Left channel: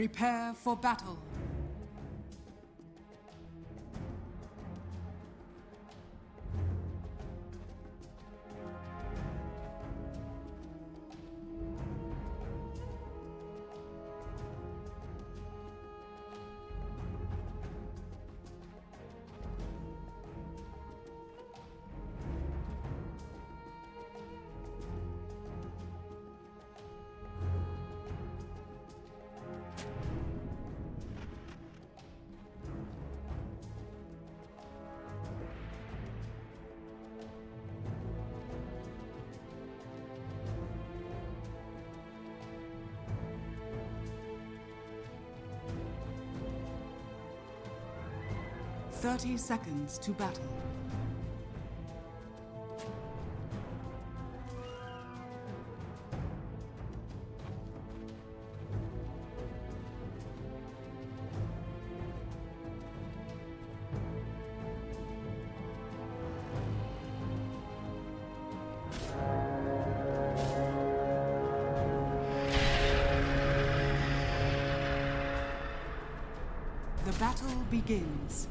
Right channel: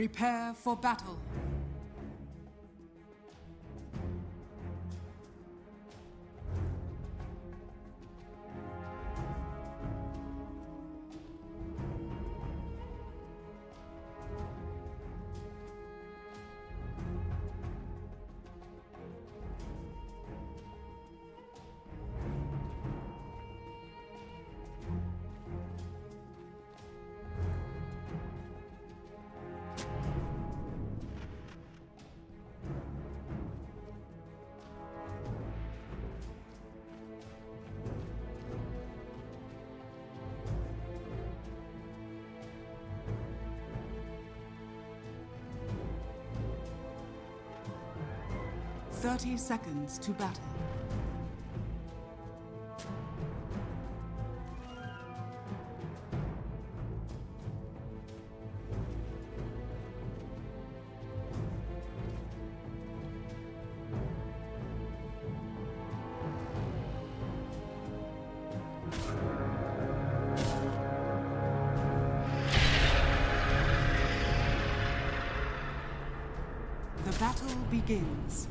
Prepare for battle. Thirty seconds to battle. The battle begins.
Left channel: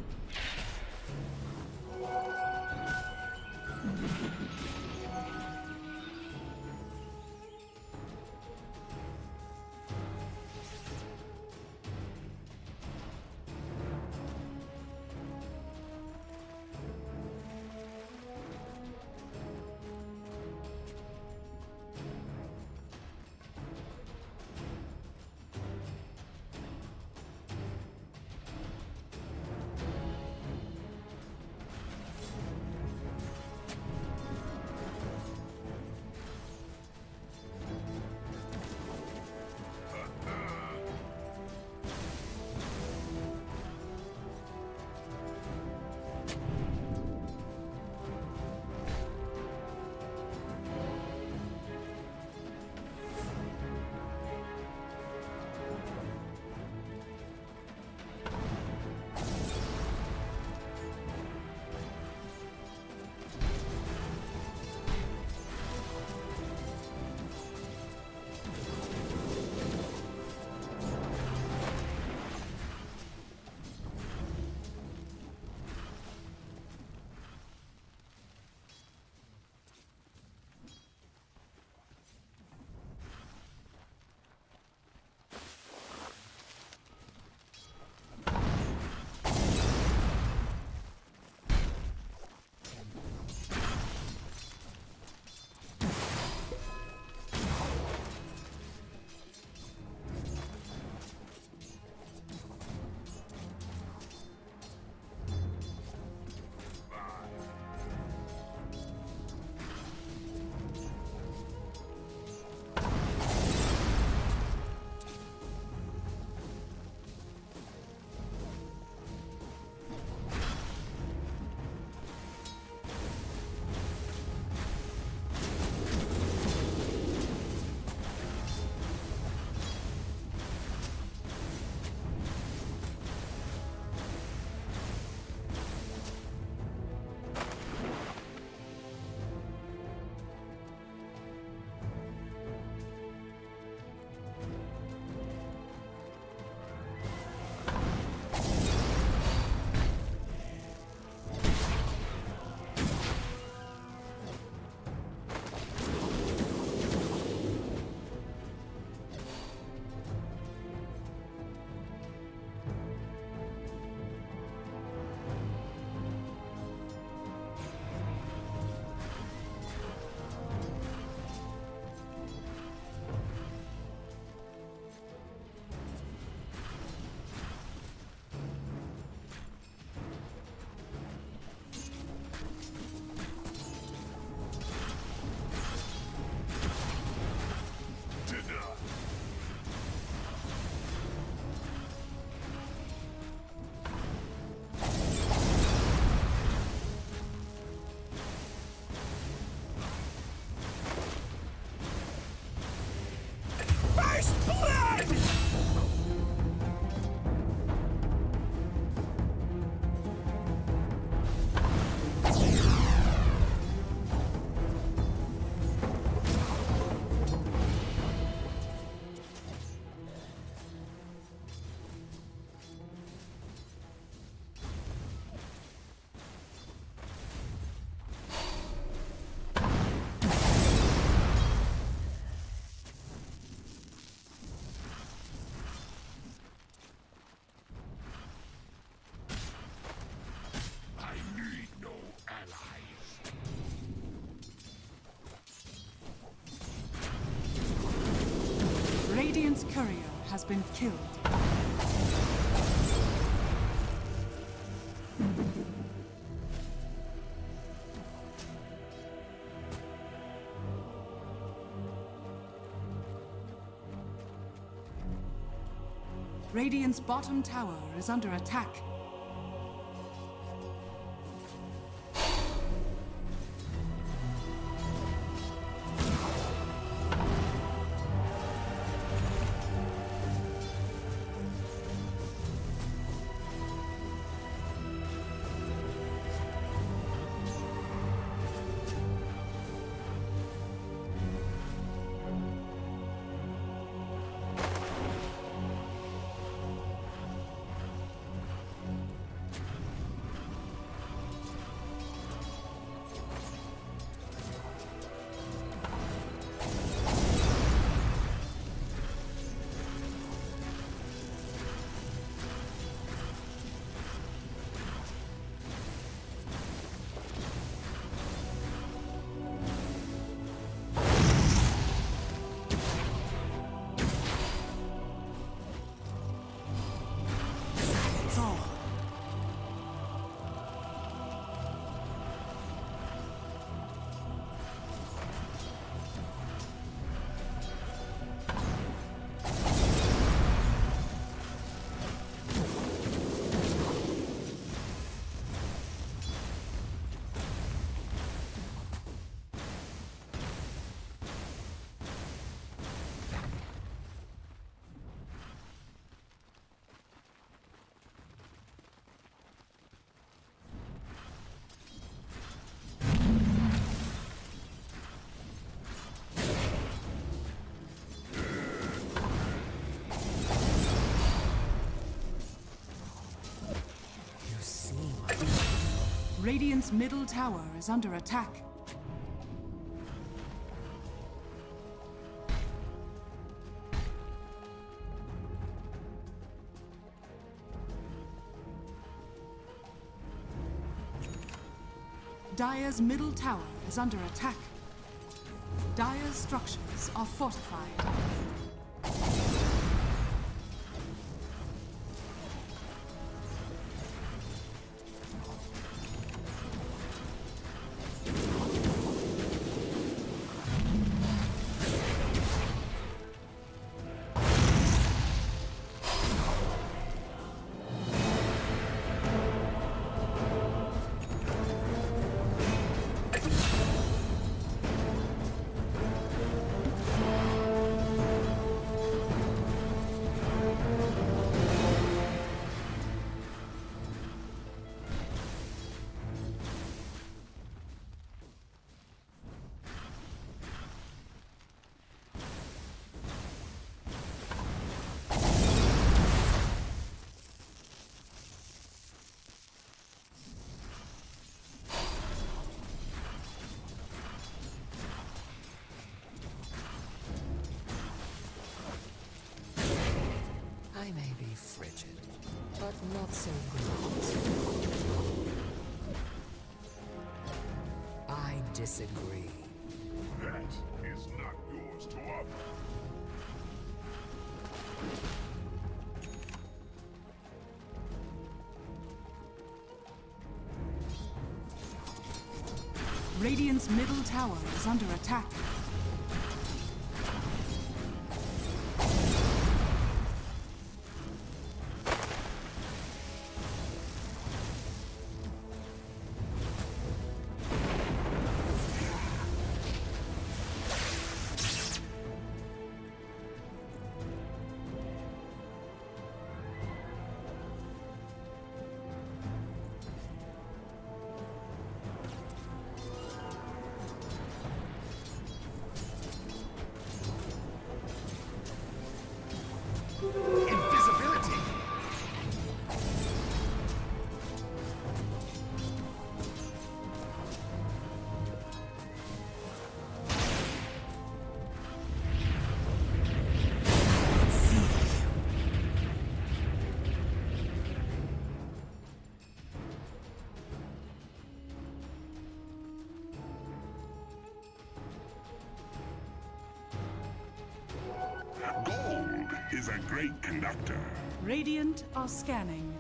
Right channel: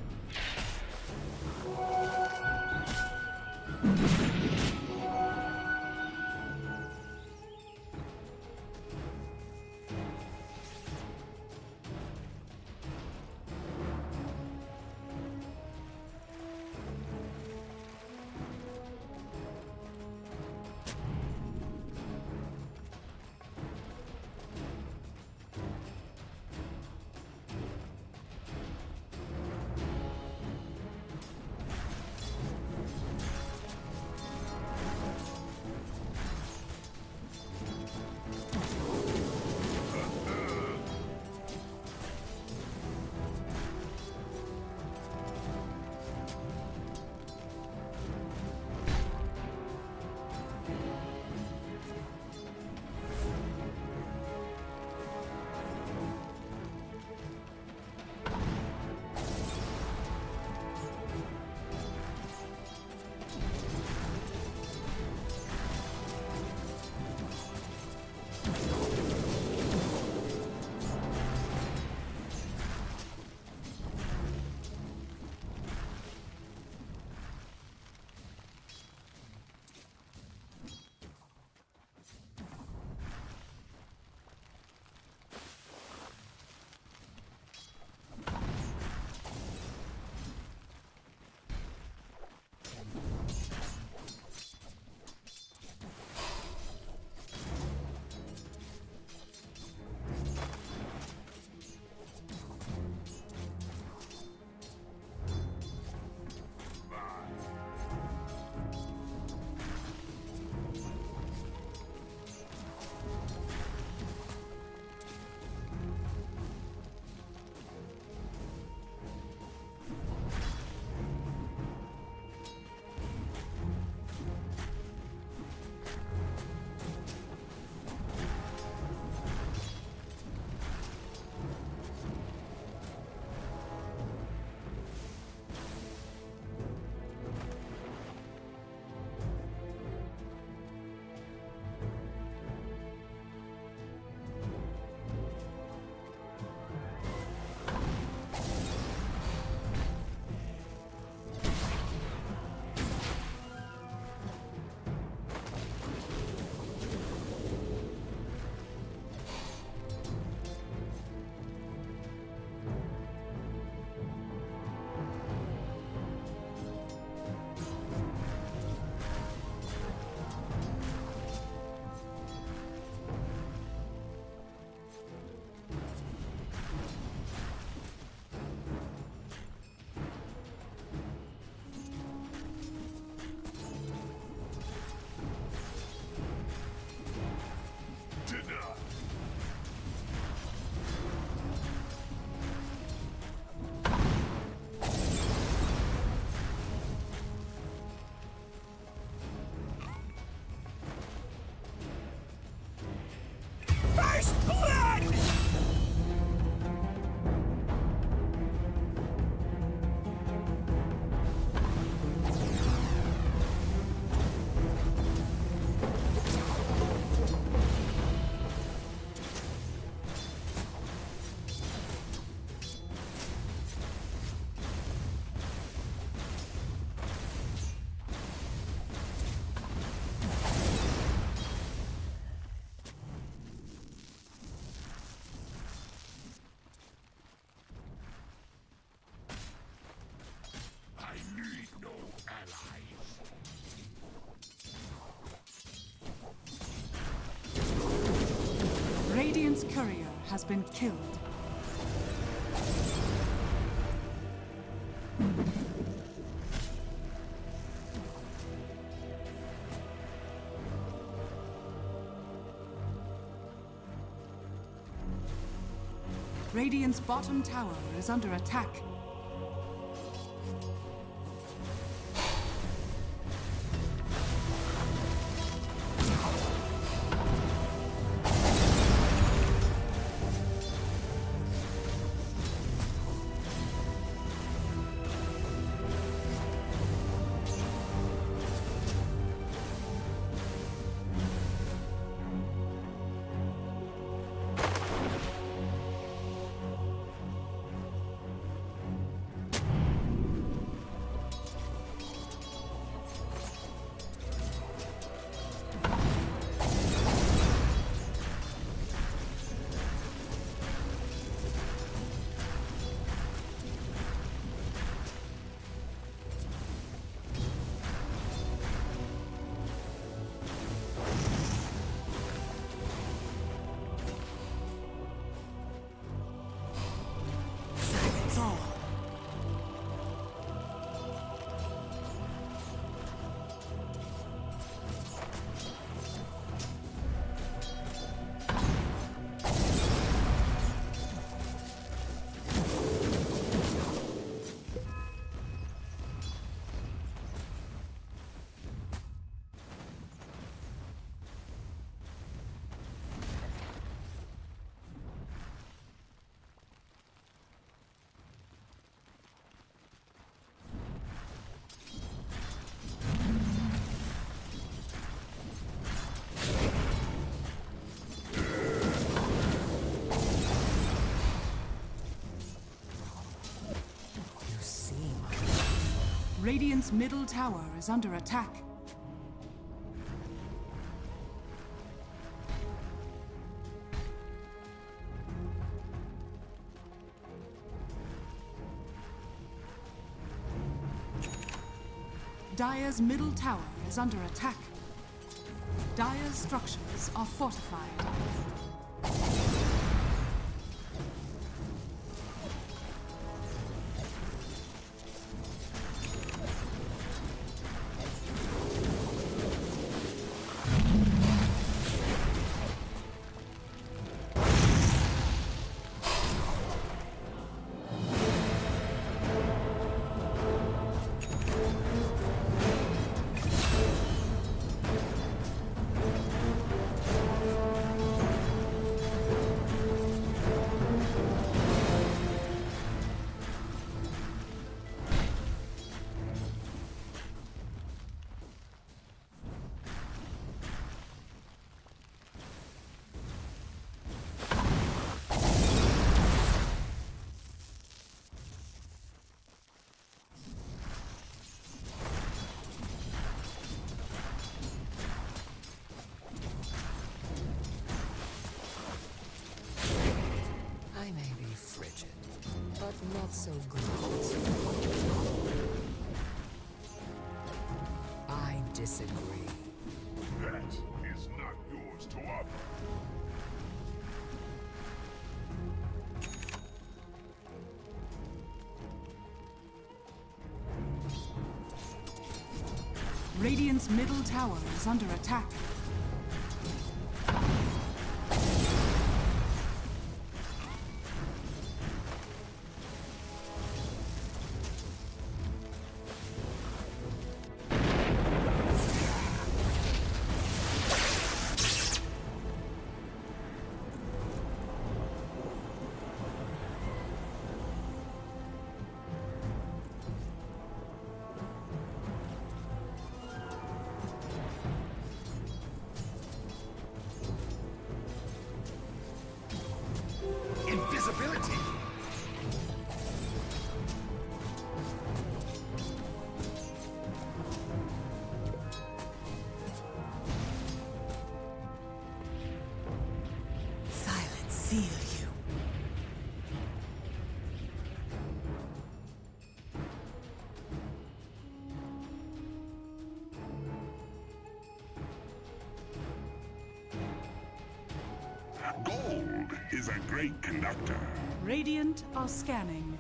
Radiant's courier has been killed. Radiant's bottom tower is under attack. Radiant's middle tower is under attack. Dire's middle tower is under attack. Dire's structures are fortified. I may be frigid, but not so great. I disagree. That is not yours to offer. Radiant's middle tower is under attack. Invisibility! Silence seals you. Gold! is a great conductor. Radiant are scanning.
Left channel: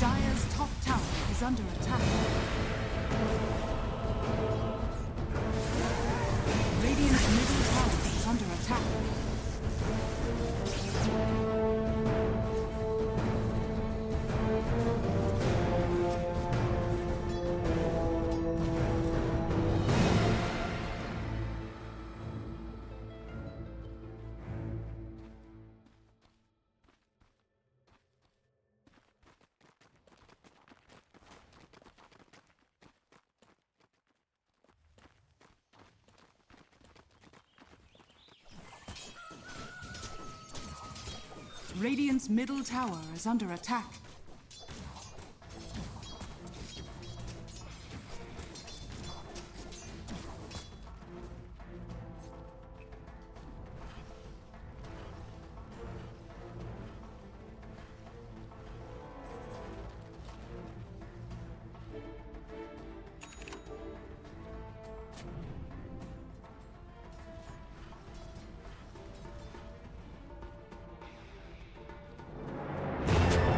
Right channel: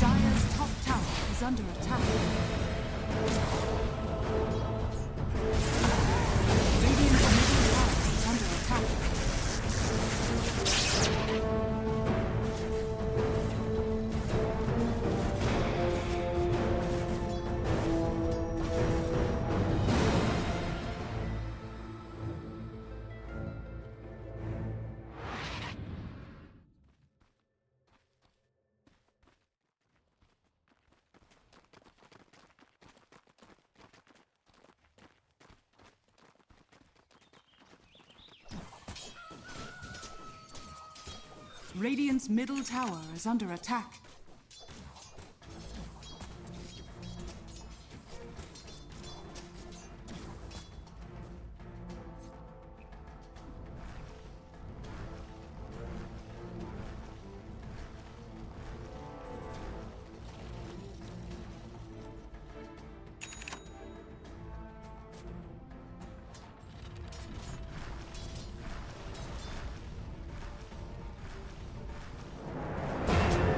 Dire's top tower is under attack. Radiant's middle tower is under attack. Radiant's middle tower is under attack.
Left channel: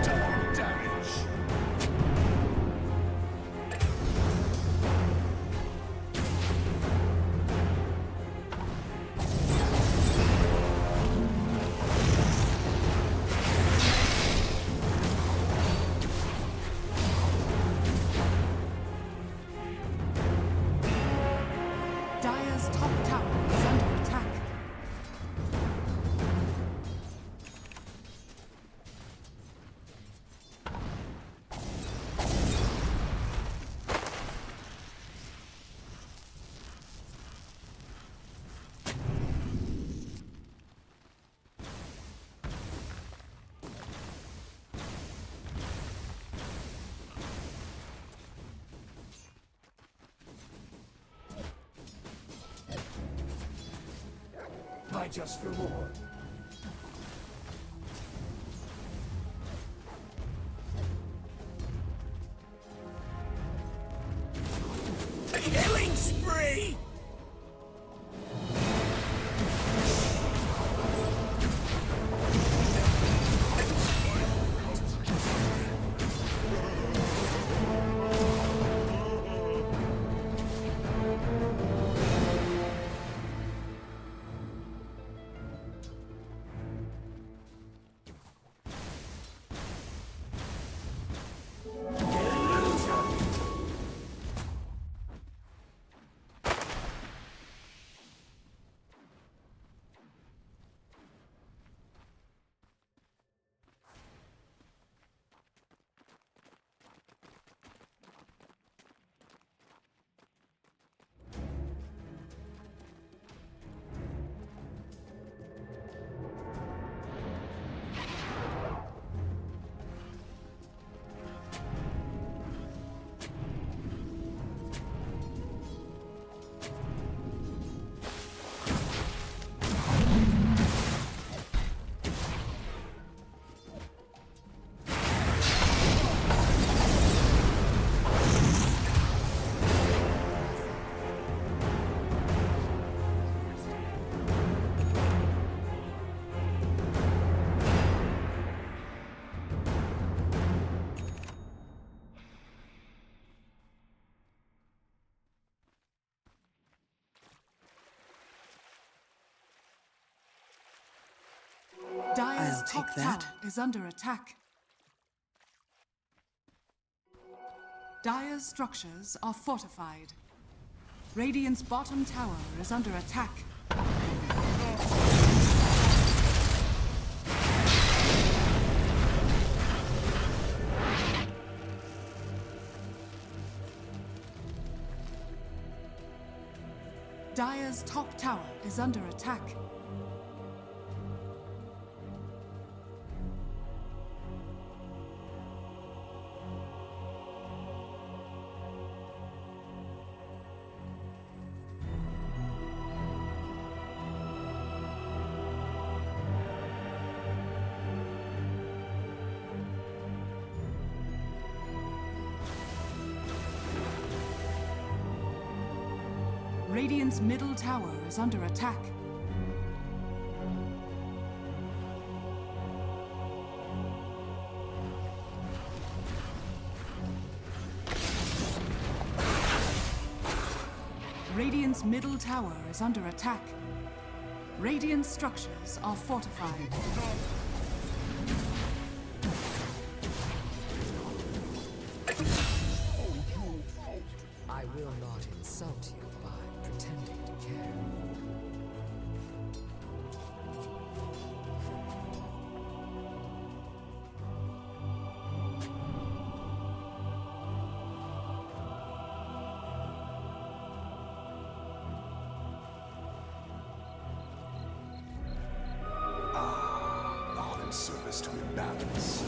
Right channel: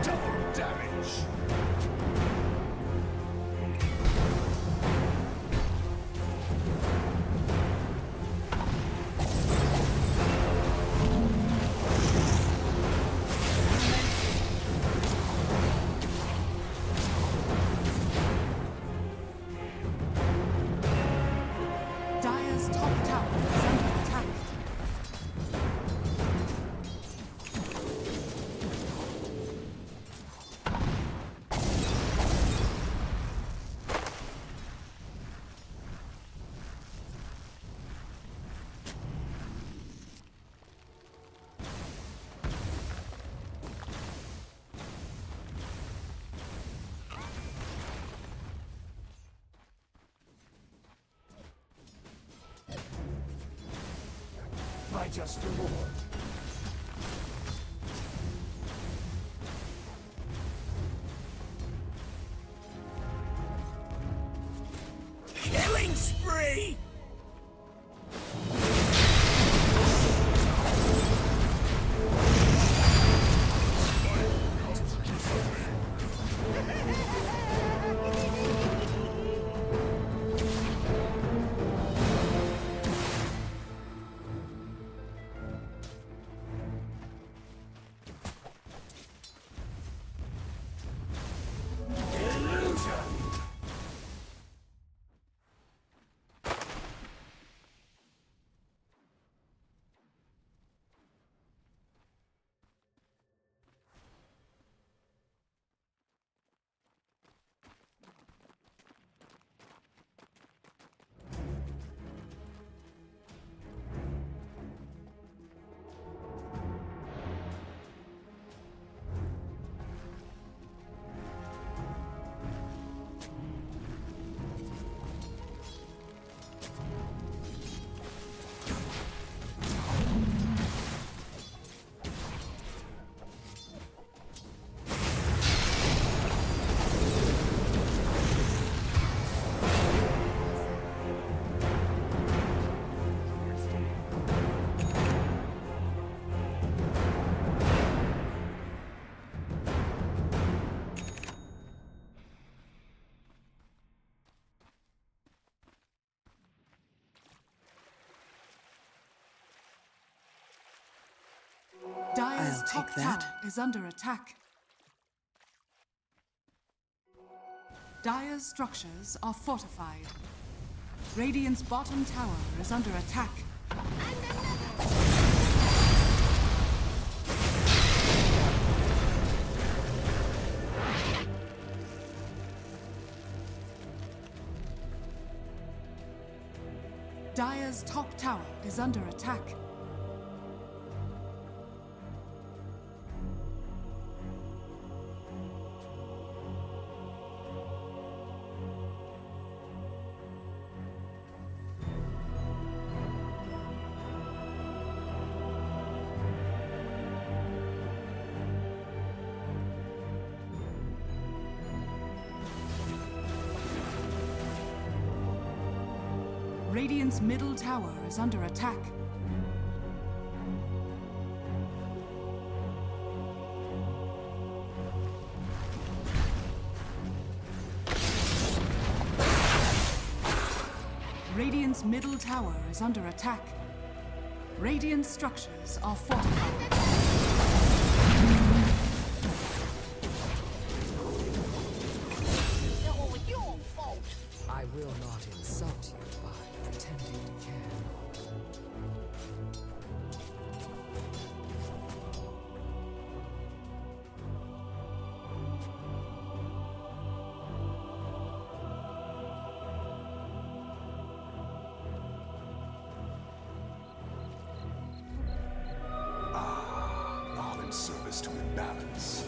Double damage. Dire's top tower is under attack. My just reward. Killing spree! Dire's I'll top take that. tower is under attack. Dire's structures are fortified. Radiant's bottom tower is under attack. Dire's top tower is under attack. Radiant's middle tower is under attack. Radiant's middle tower is under attack. Radiant structures are fortified. I will not insult you by pretending to care. All in service to imbalance.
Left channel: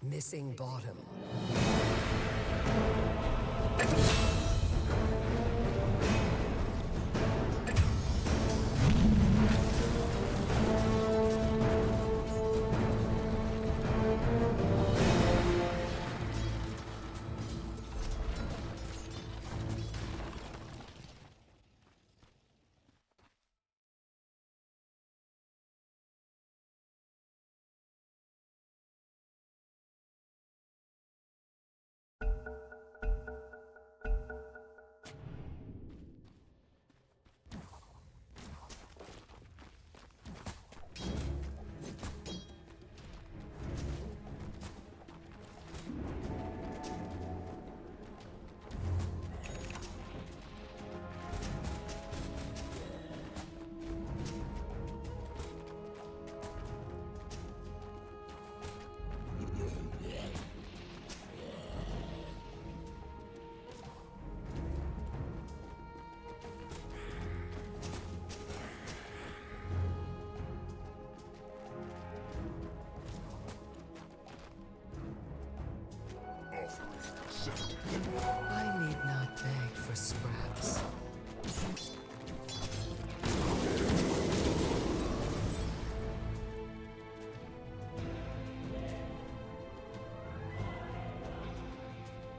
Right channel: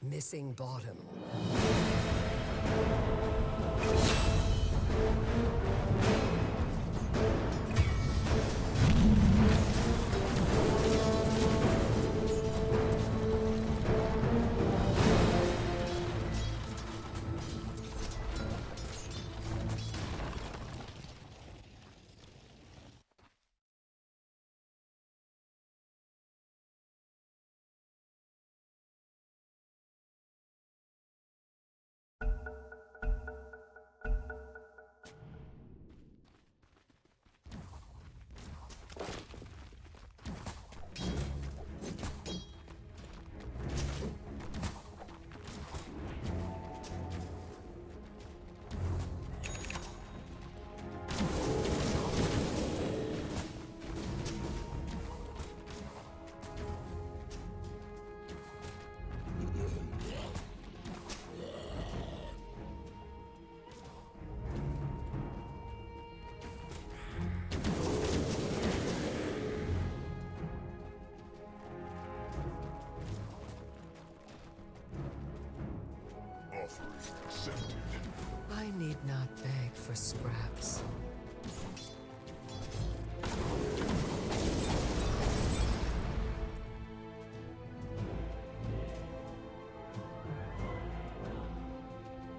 Missing bottom. Offering accepted. I need not beg for scraps.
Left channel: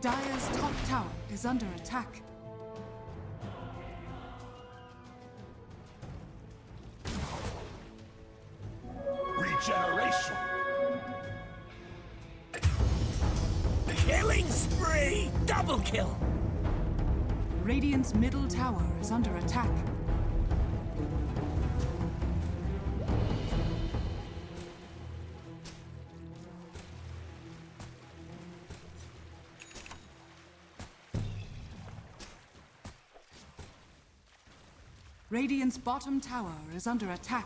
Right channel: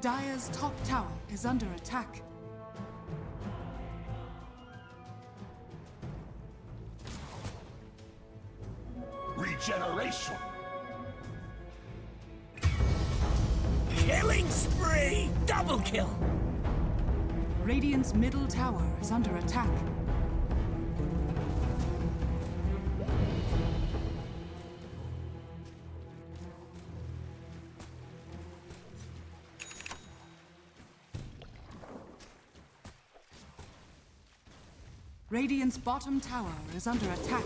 Dire's top tower is under attack. Regeneration. Killing spree! Double kill! Radiant's middle tower is under attack. Radiant's bottom tower is under attack.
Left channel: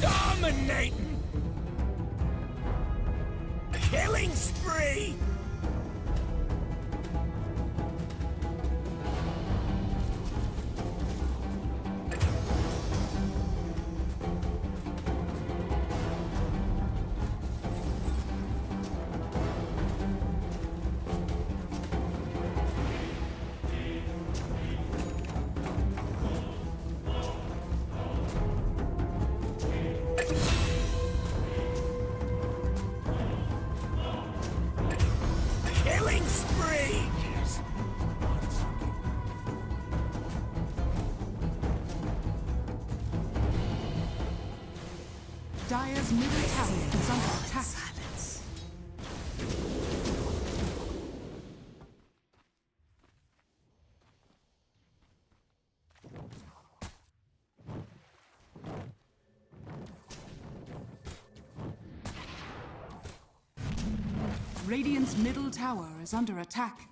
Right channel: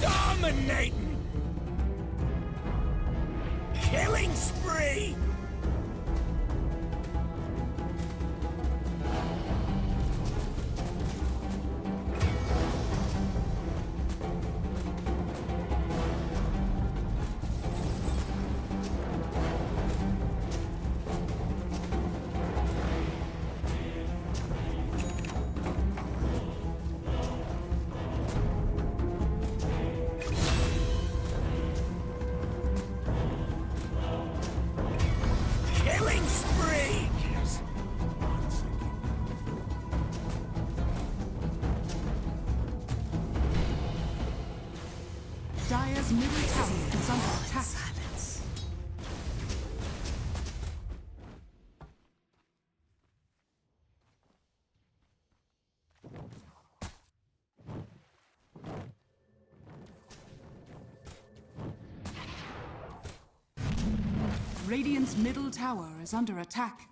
Dominating! Killing spree! Killing spree! Yes. Dire's middle tower is under attack. Silence. Radiant's middle tower is under attack.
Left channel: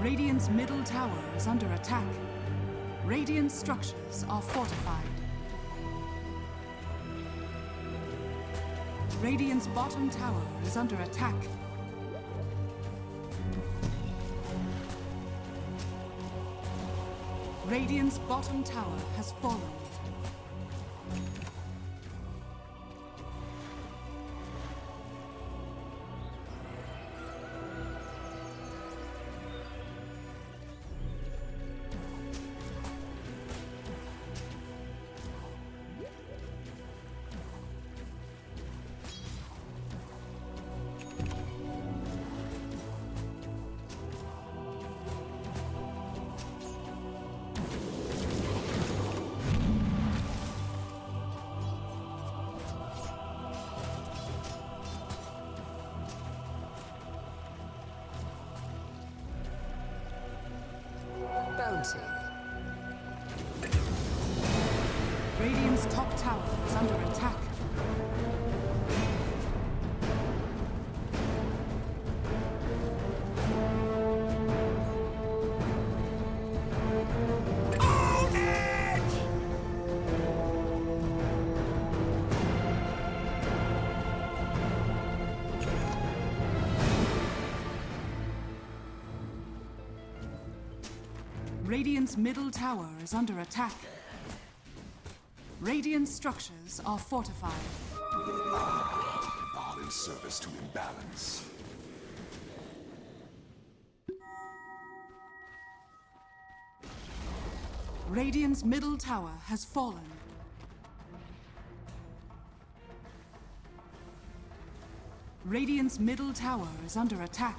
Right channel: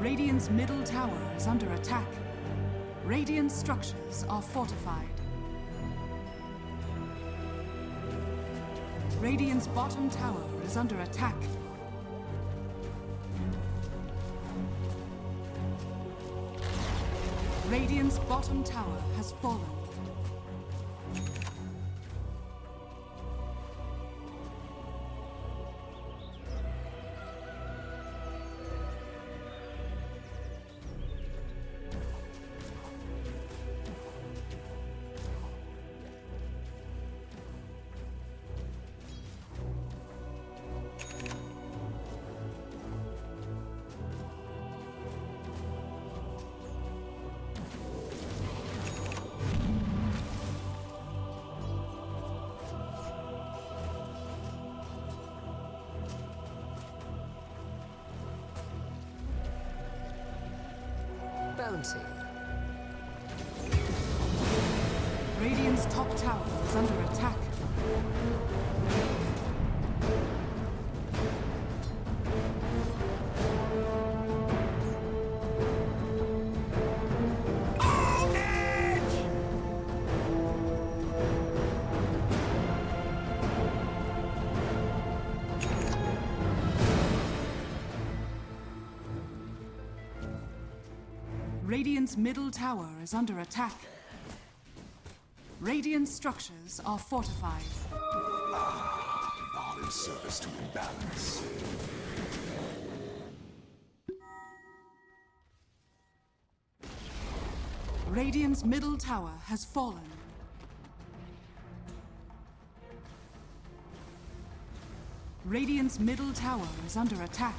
Radiant's middle tower is under attack. Radiant structures are fortified. Radiant's bottom tower is under attack. Radiant's bottom tower has fallen. Bounty. Radiant's top tower is under attack. On edge! Radiant's middle tower is under attack. Radiant structures are fortified. All in service to imbalance. Radiant's middle tower has fallen. Radiant's middle tower is under attack.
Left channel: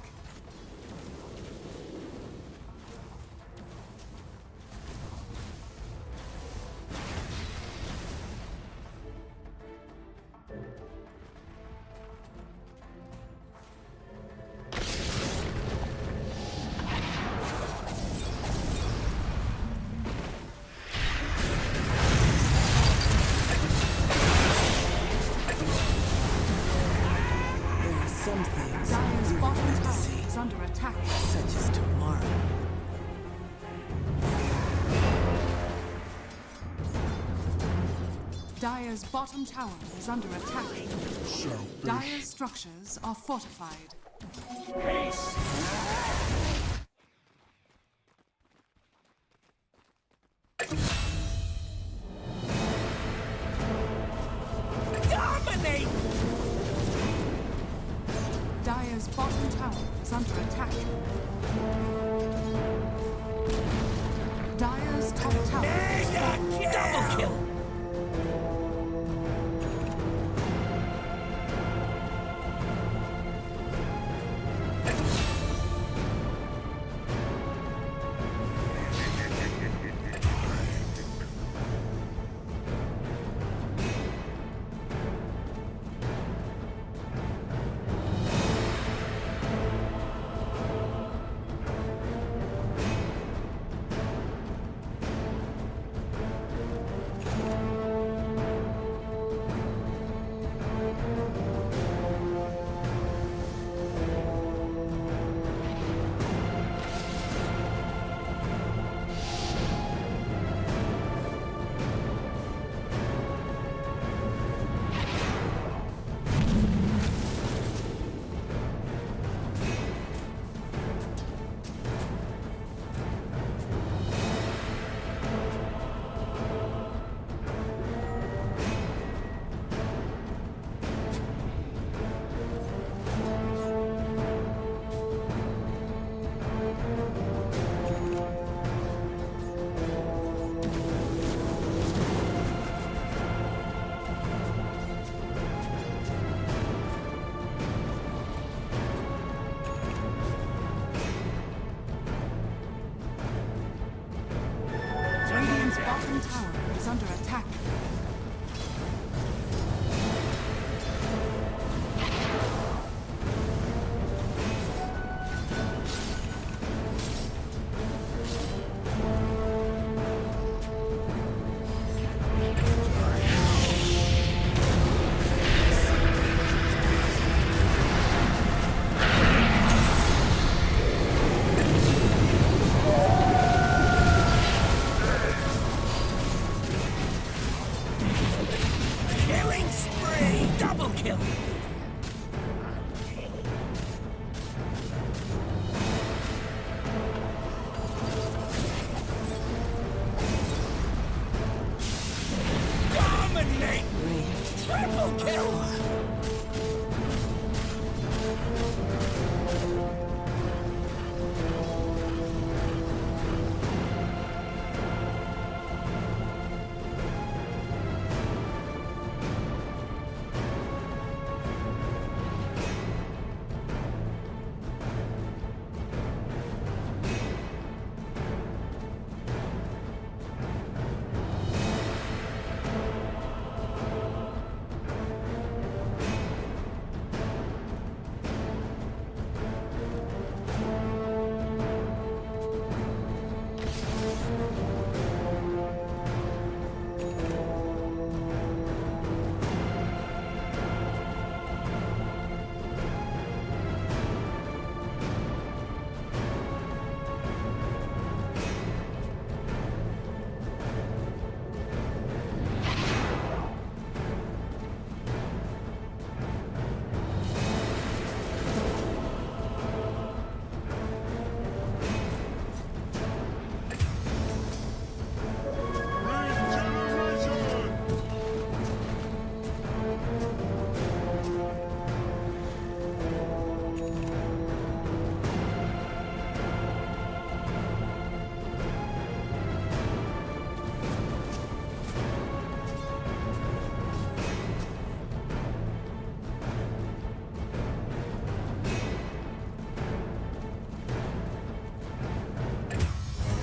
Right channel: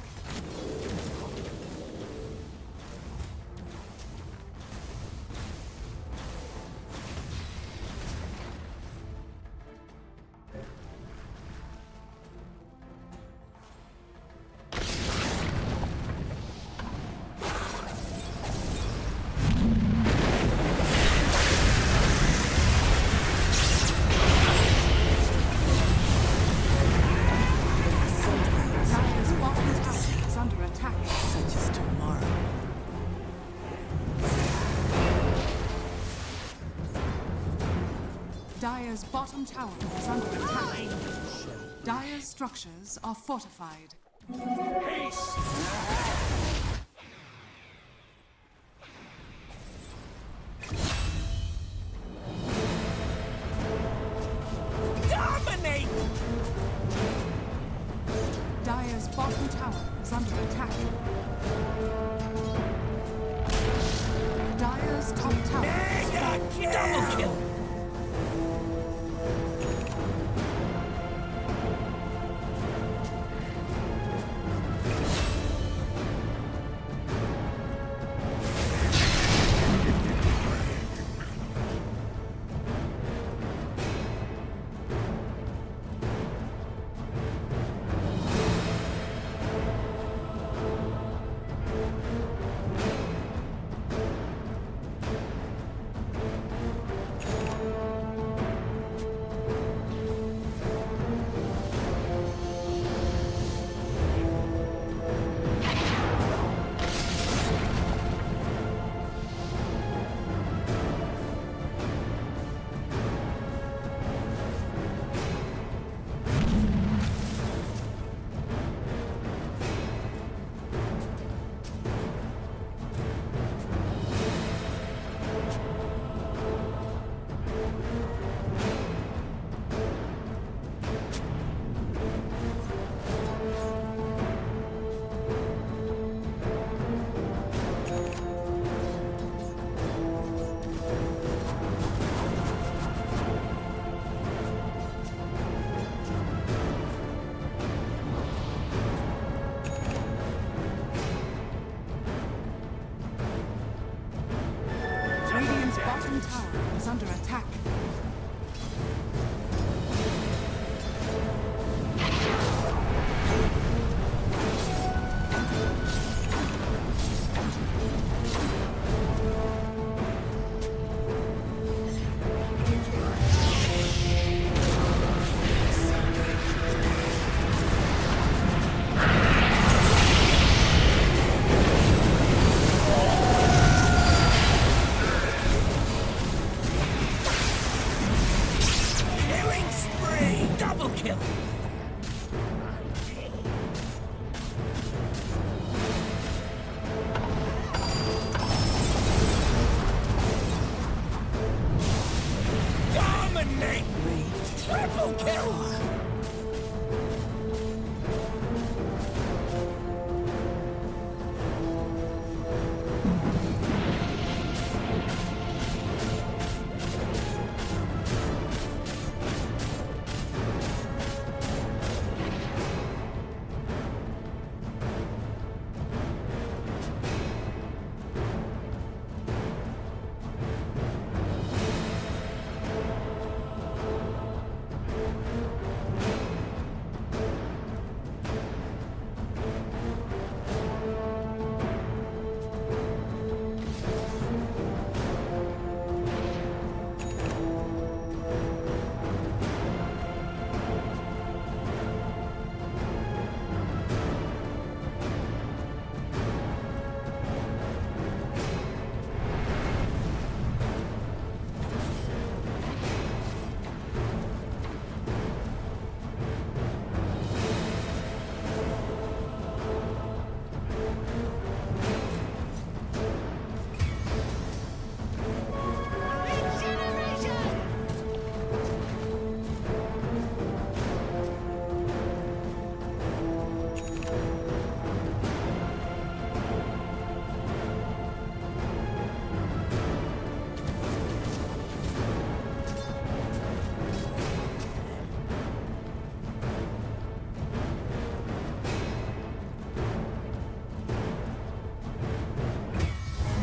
Dire's bottom tower is under attack. Such as tomorrow. Dire's bottom tower is under attack. Dire's structures are fortified. Haste! Dominate! Dire's bottom tower is under attack. Dire's top tower is Mega fallen. kill! Double kill! Radiant's bottom tower is under attack. Killing spree! Double kill! Dominate! Triple kill!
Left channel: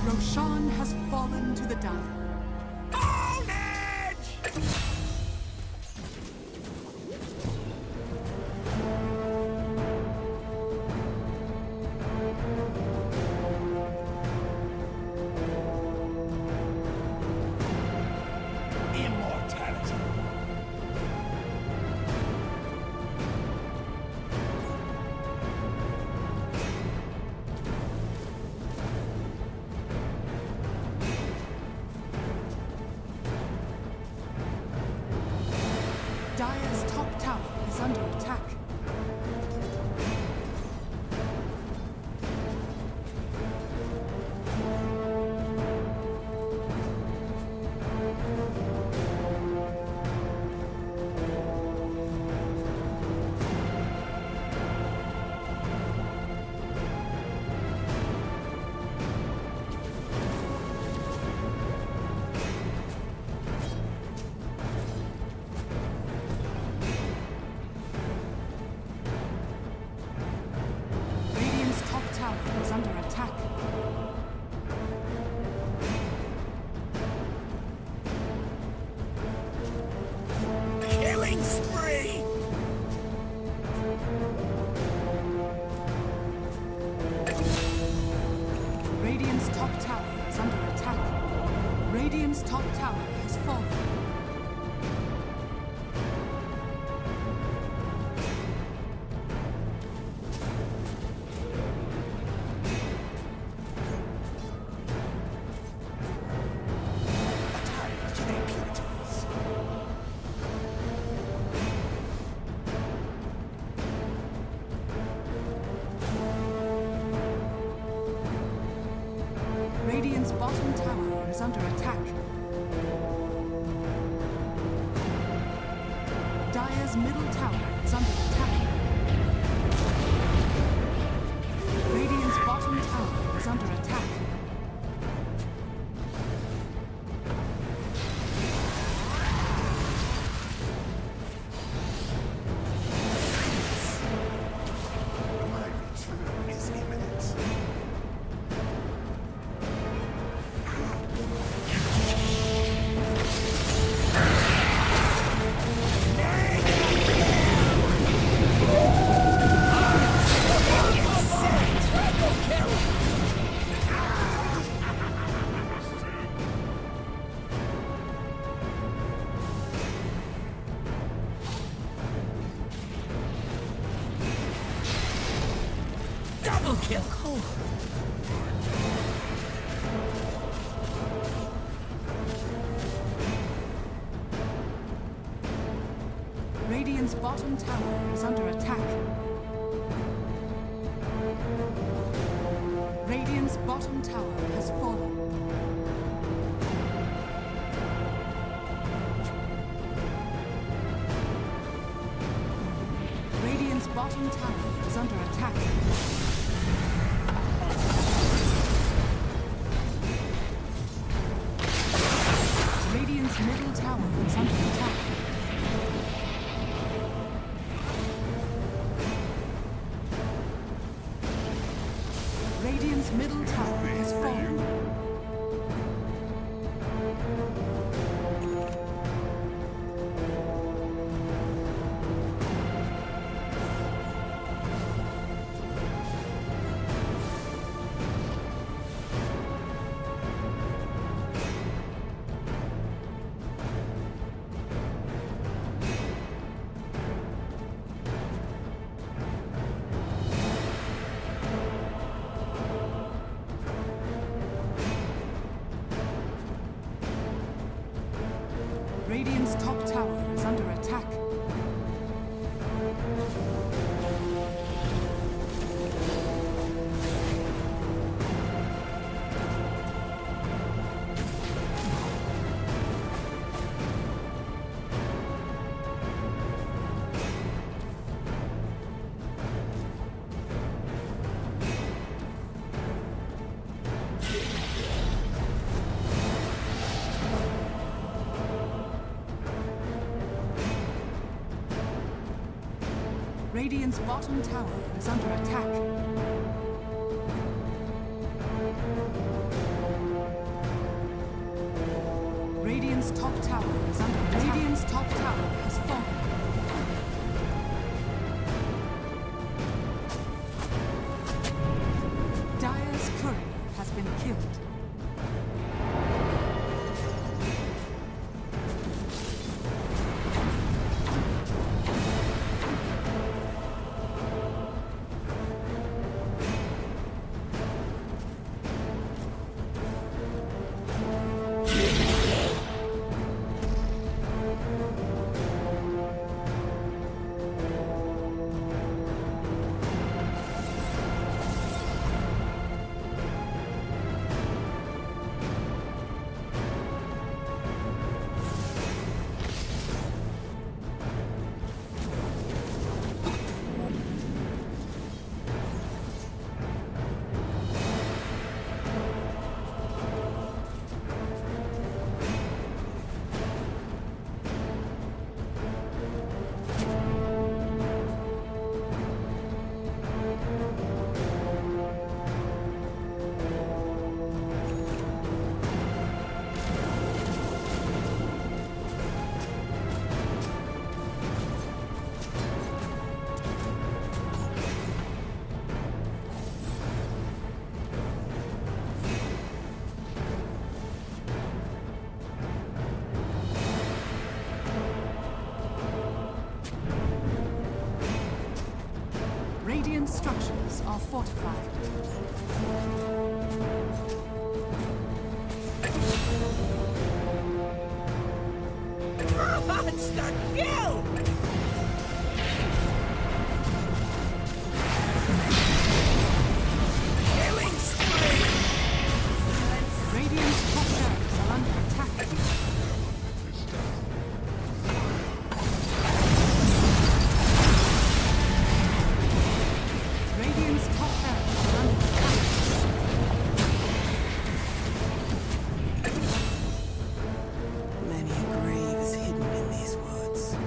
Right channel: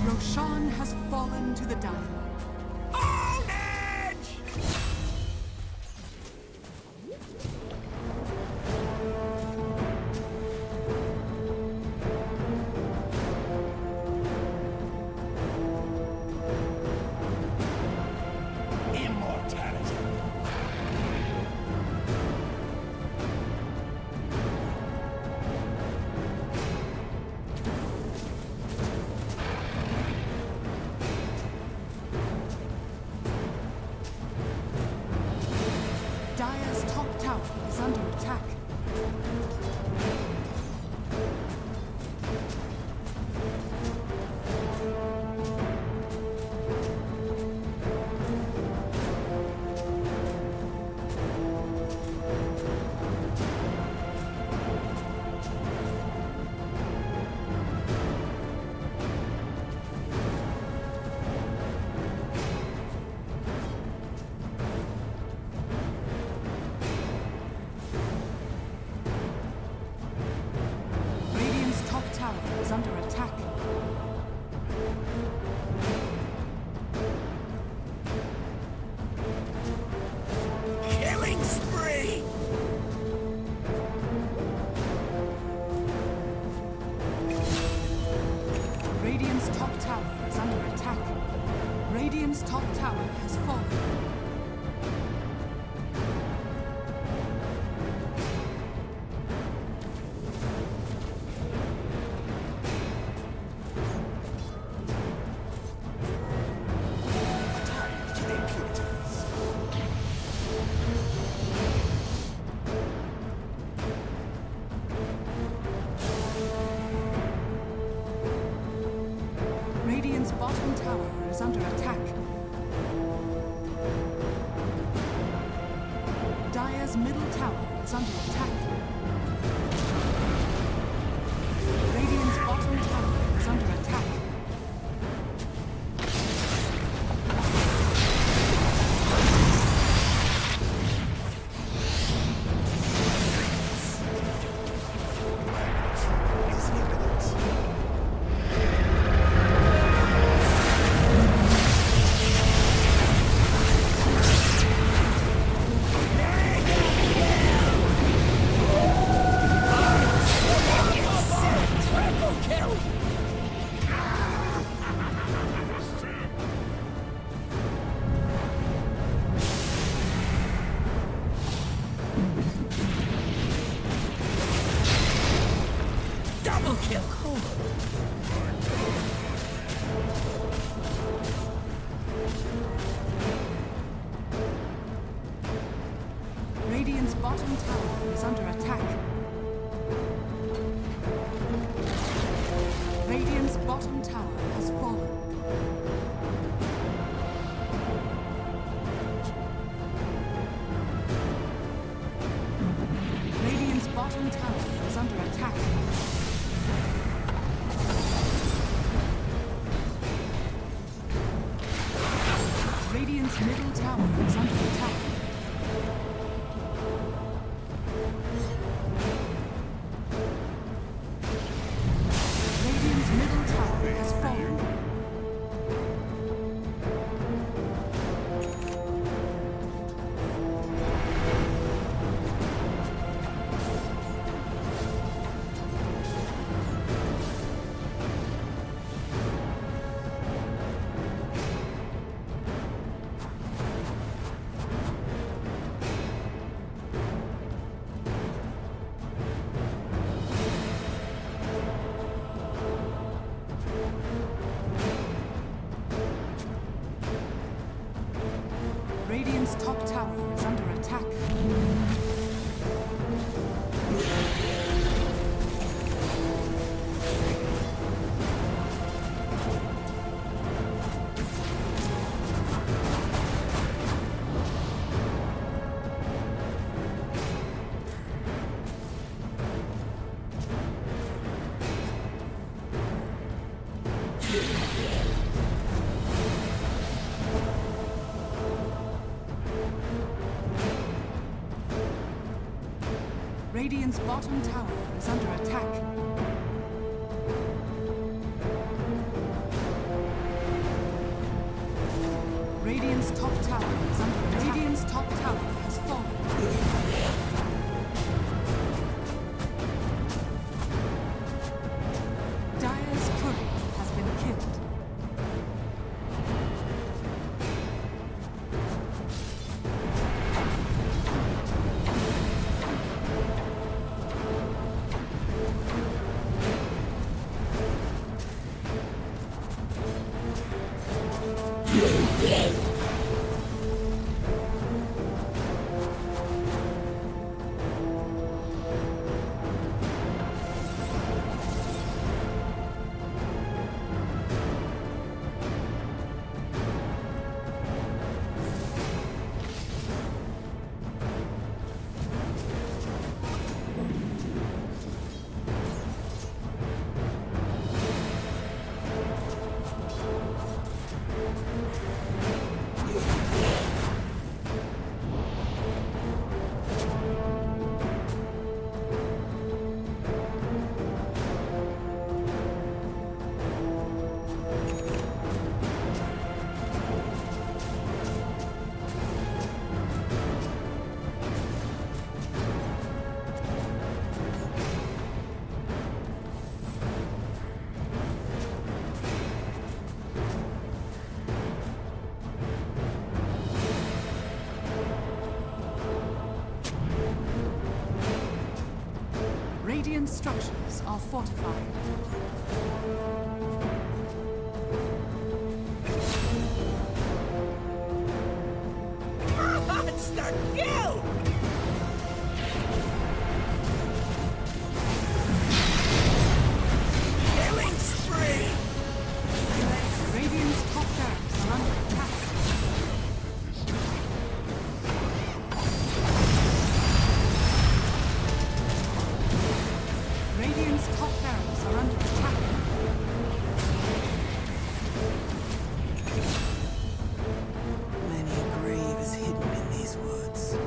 Roshan has fallen to the Dire. On edge! Immortality. Dire's top tower is under attack. Radiant's top tower is under attack. Killing spree! Radiant's top tower is under attack. Radiant's top tower has fallen. A tithe to the impurities. Radiant's bottom tower is under attack. Dire's middle tower is under attack. Radiant's bottom tower is under attack. Magnitude is imminent. Double kill. Cold. Radiant's bottom tower is under attack. Radiant's bottom tower has fallen. Radiant's bottom tower is under attack. Radiant's middle tower is under attack. Radiant's middle tower has fallen. Radiant's top tower is under attack. Radiant's bottom tower is under attack. Radiant's top tower is under attack. Radiant's top tower has fallen. Dire's courier has been killed. Radiant structures are fortified. Monster kill! Killing spree! Radiant's top barracks are under attack. Radiant's top barracks are under attack. Many a grave is hidden in these woods.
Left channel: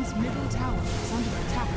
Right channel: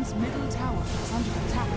Radiant's middle tower is under attack.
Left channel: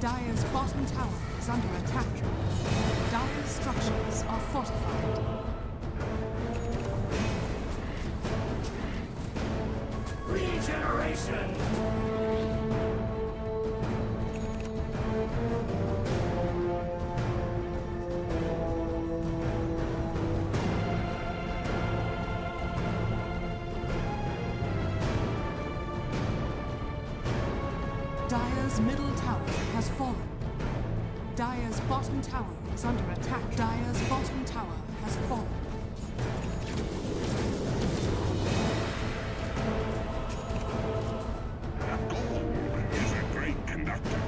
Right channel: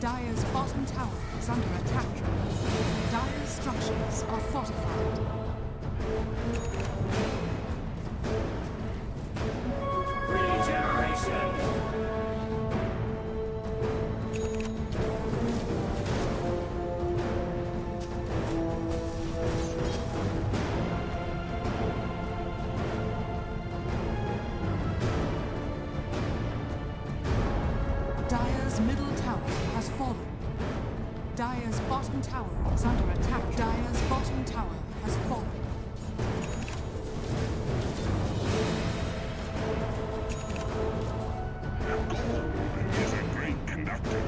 Dire's bottom tower is under attack. Dire's structures are fortified. Regeneration! Dire's middle tower has fallen. Dire's bottom tower is under attack. Dire's bottom tower has fallen. The gold is a great conductor.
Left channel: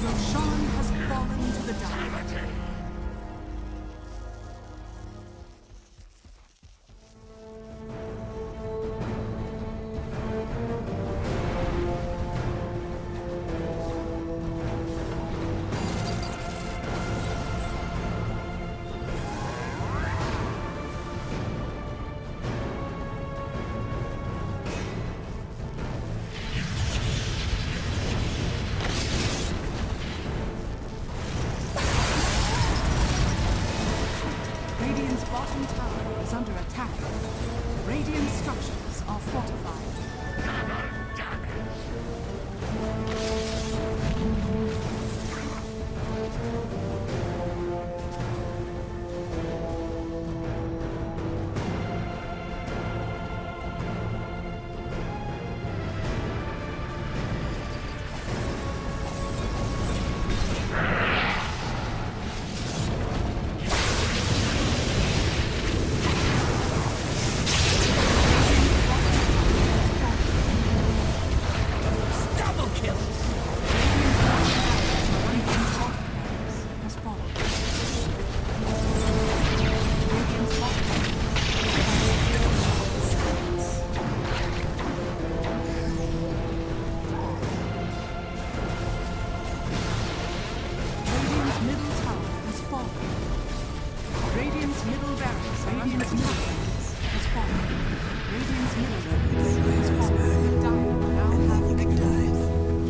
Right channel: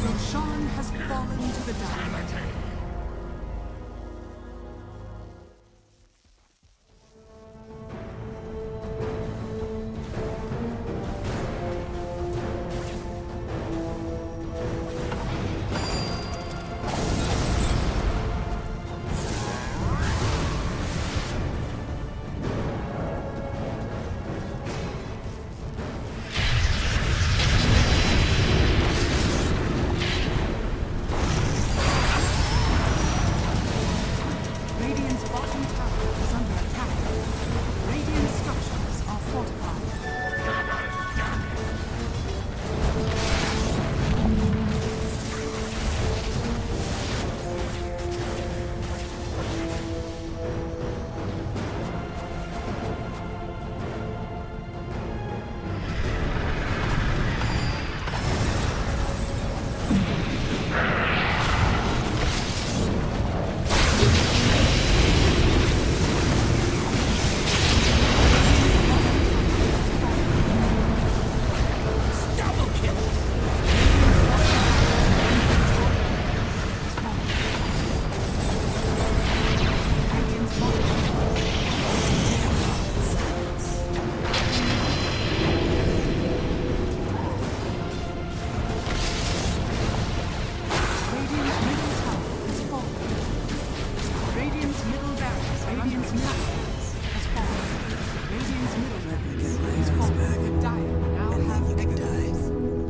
Roshan has fallen to the Dire. Radiant's bottom tower is under attack. Radiant structures are fortified. Radiant's middle barracks are under attack. Has fallen. Radiant's middle Let me get my barracks has arrows fallen. back, The Dire now and have then you can mega die. creeps.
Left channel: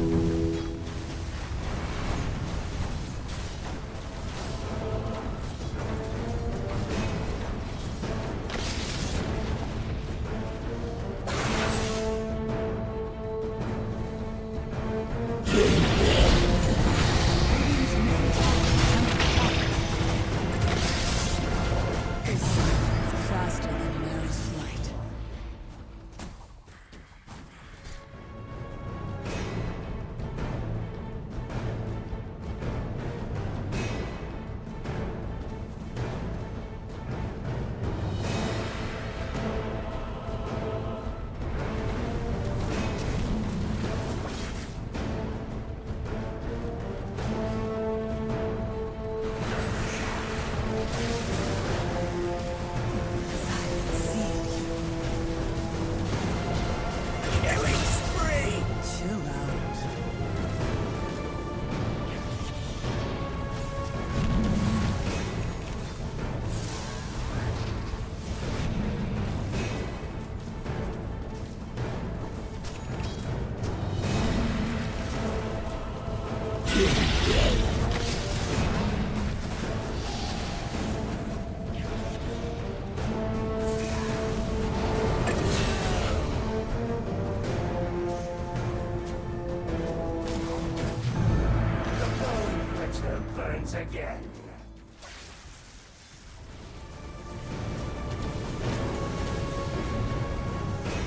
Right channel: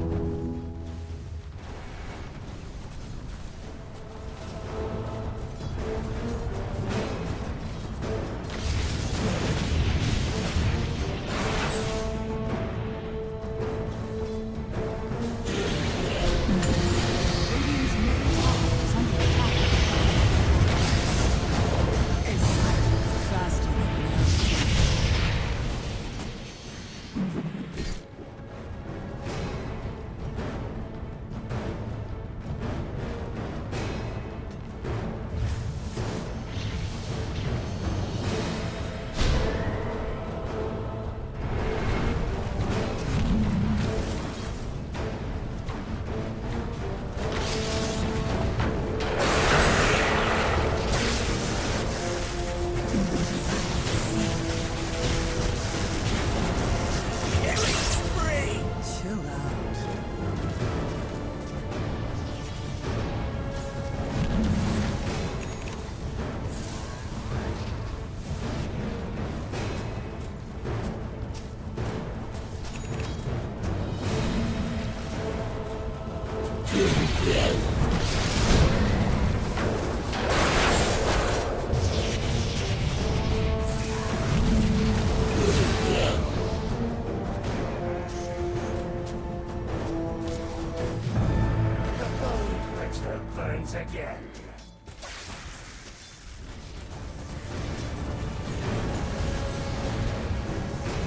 once again.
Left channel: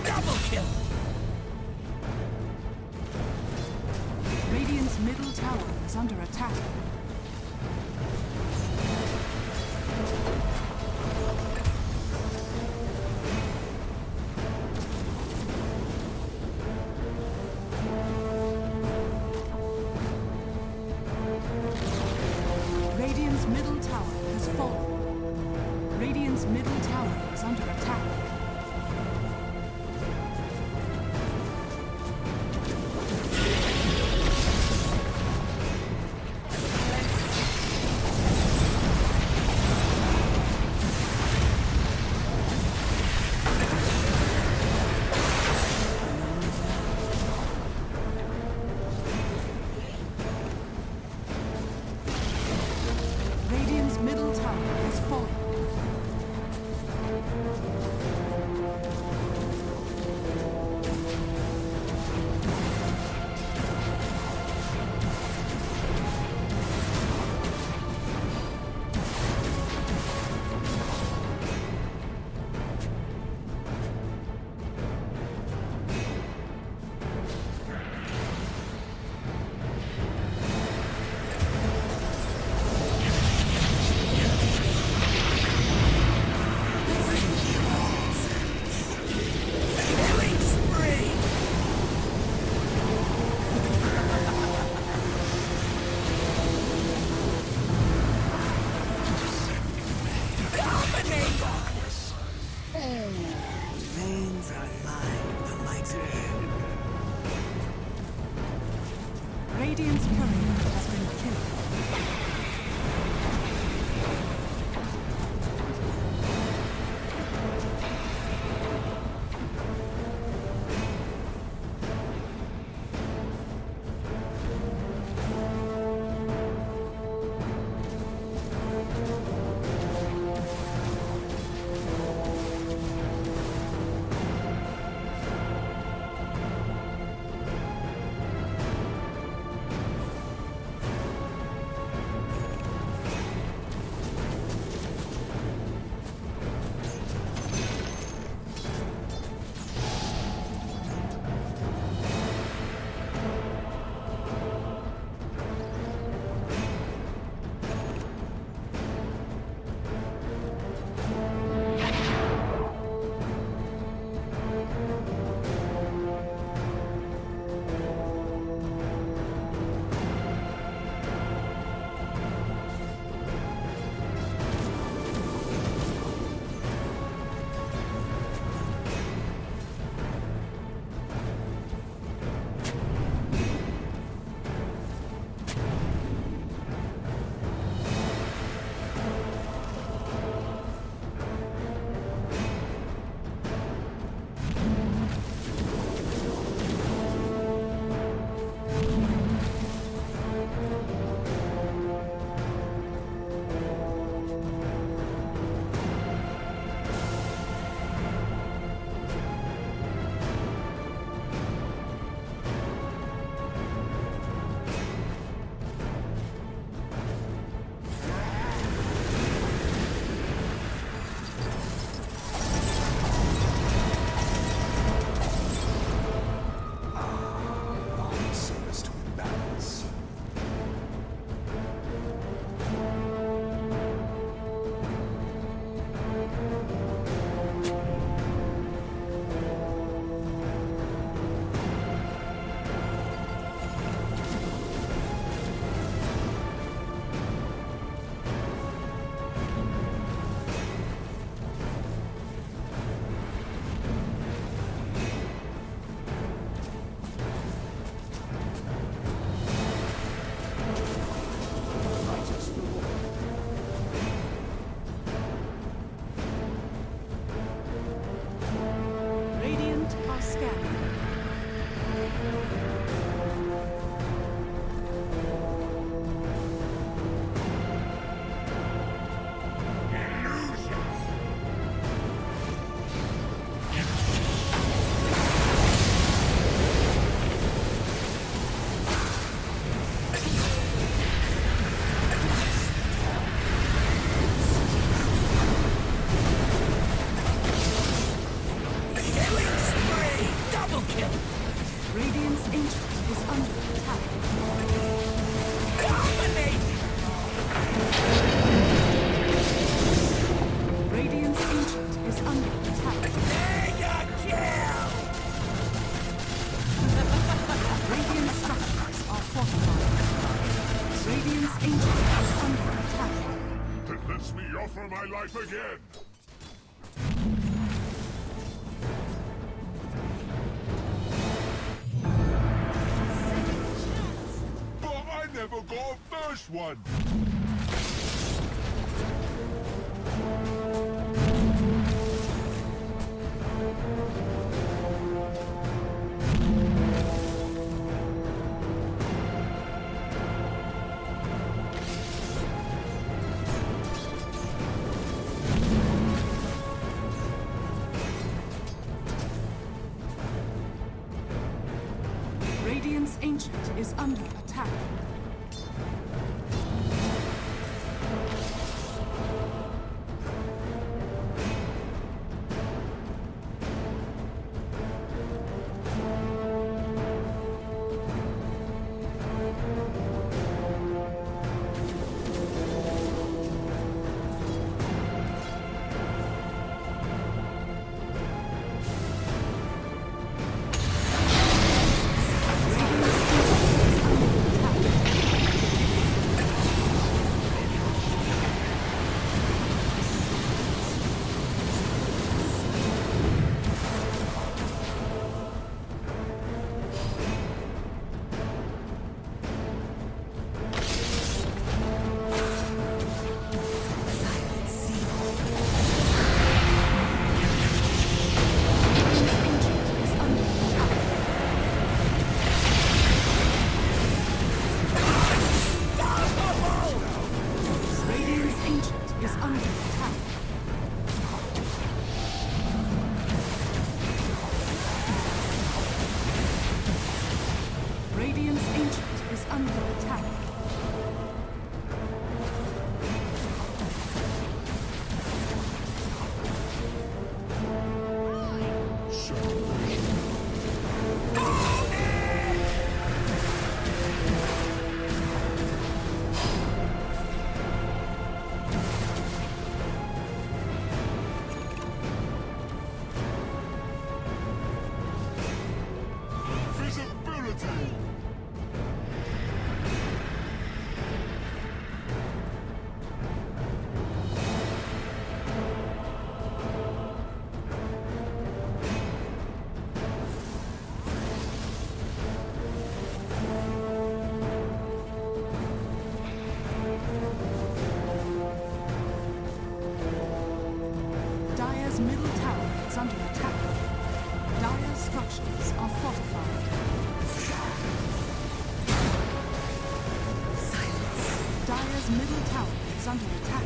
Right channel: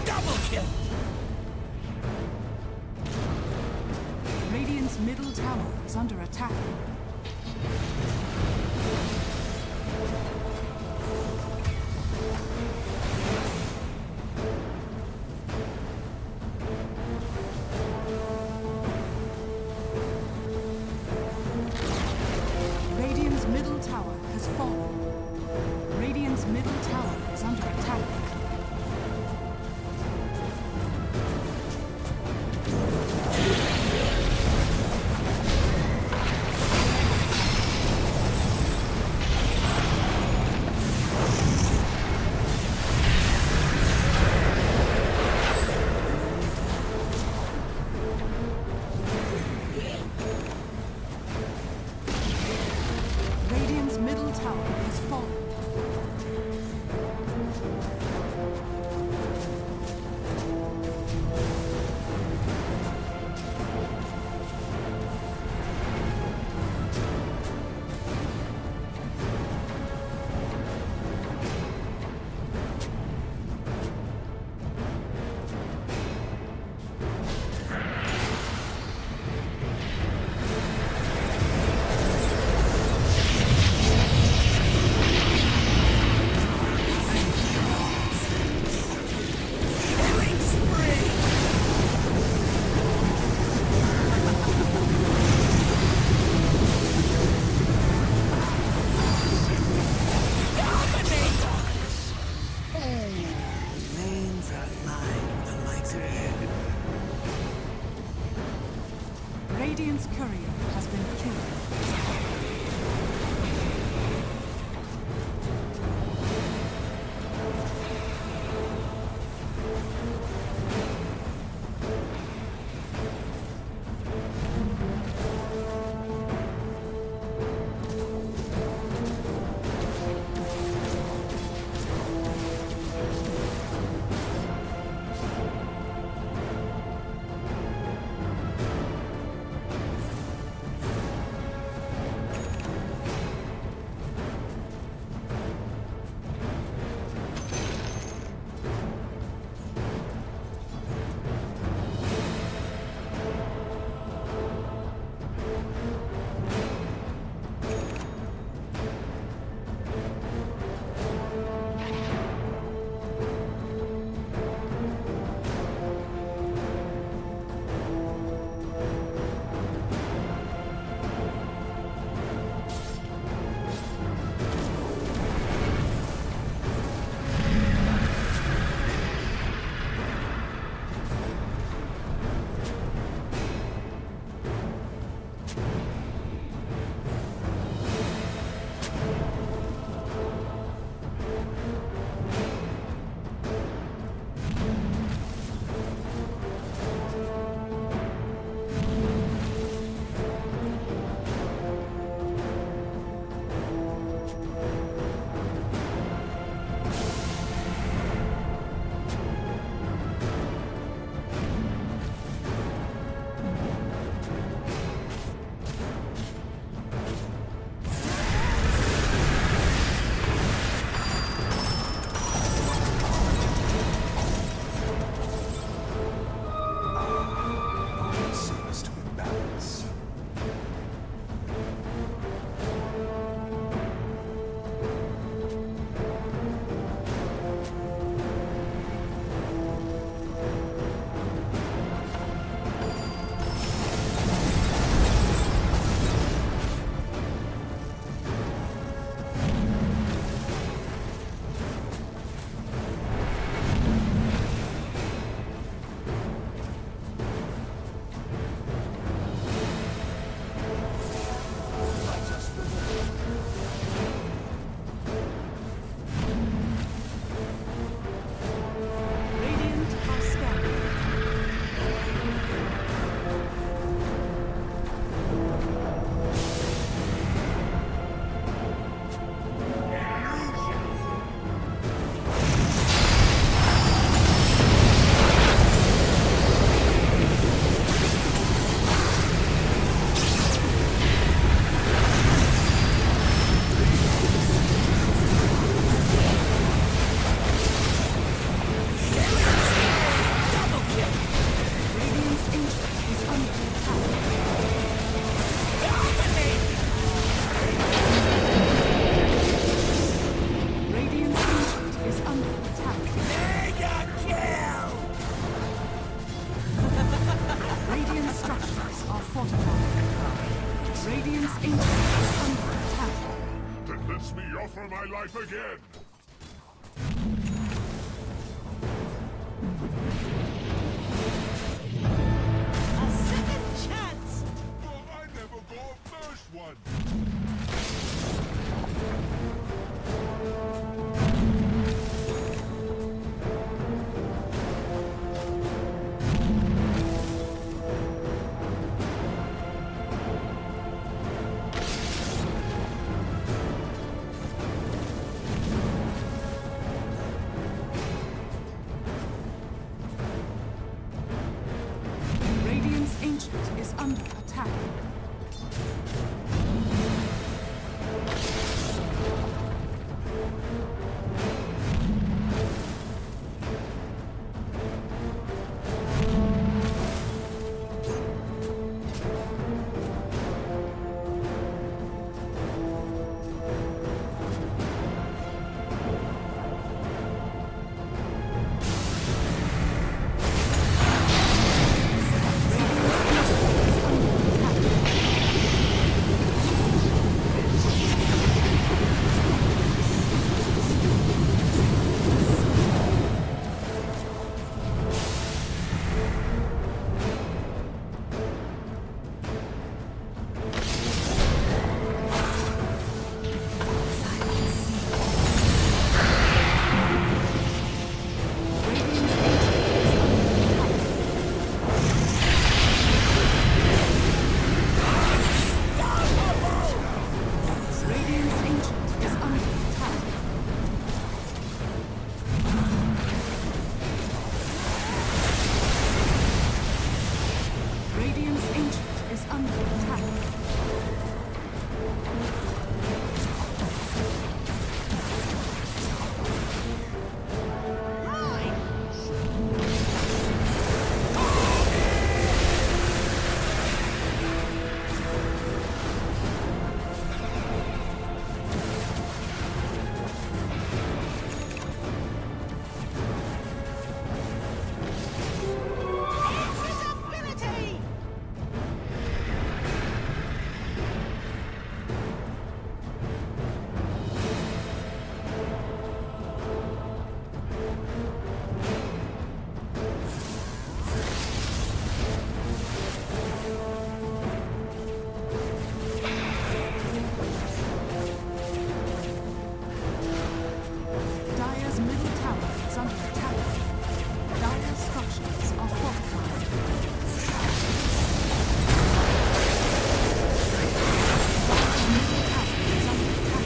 Double kill! Radiant's middle tower is under attack. Radiant's middle tower has fallen. Radiant's middle tower is under attack. Radiant's middle tower has fallen. Killing spree! Dominator! Lanes are lined with the likes of you. Radiant's courier has been killed. Service to imbalance. Radiant are scanning. is under attack. Mega kill! Radiant structures are fortified. Radiant's ancient is under attack. Then let me offer my life again! A second chance! But I never got a first one! Radiant's ancient is under attack. Radiant's ancient is under attack. Dire's middle tower is under attack. Dire's structures are fortified. Dire's middle tower is under attack.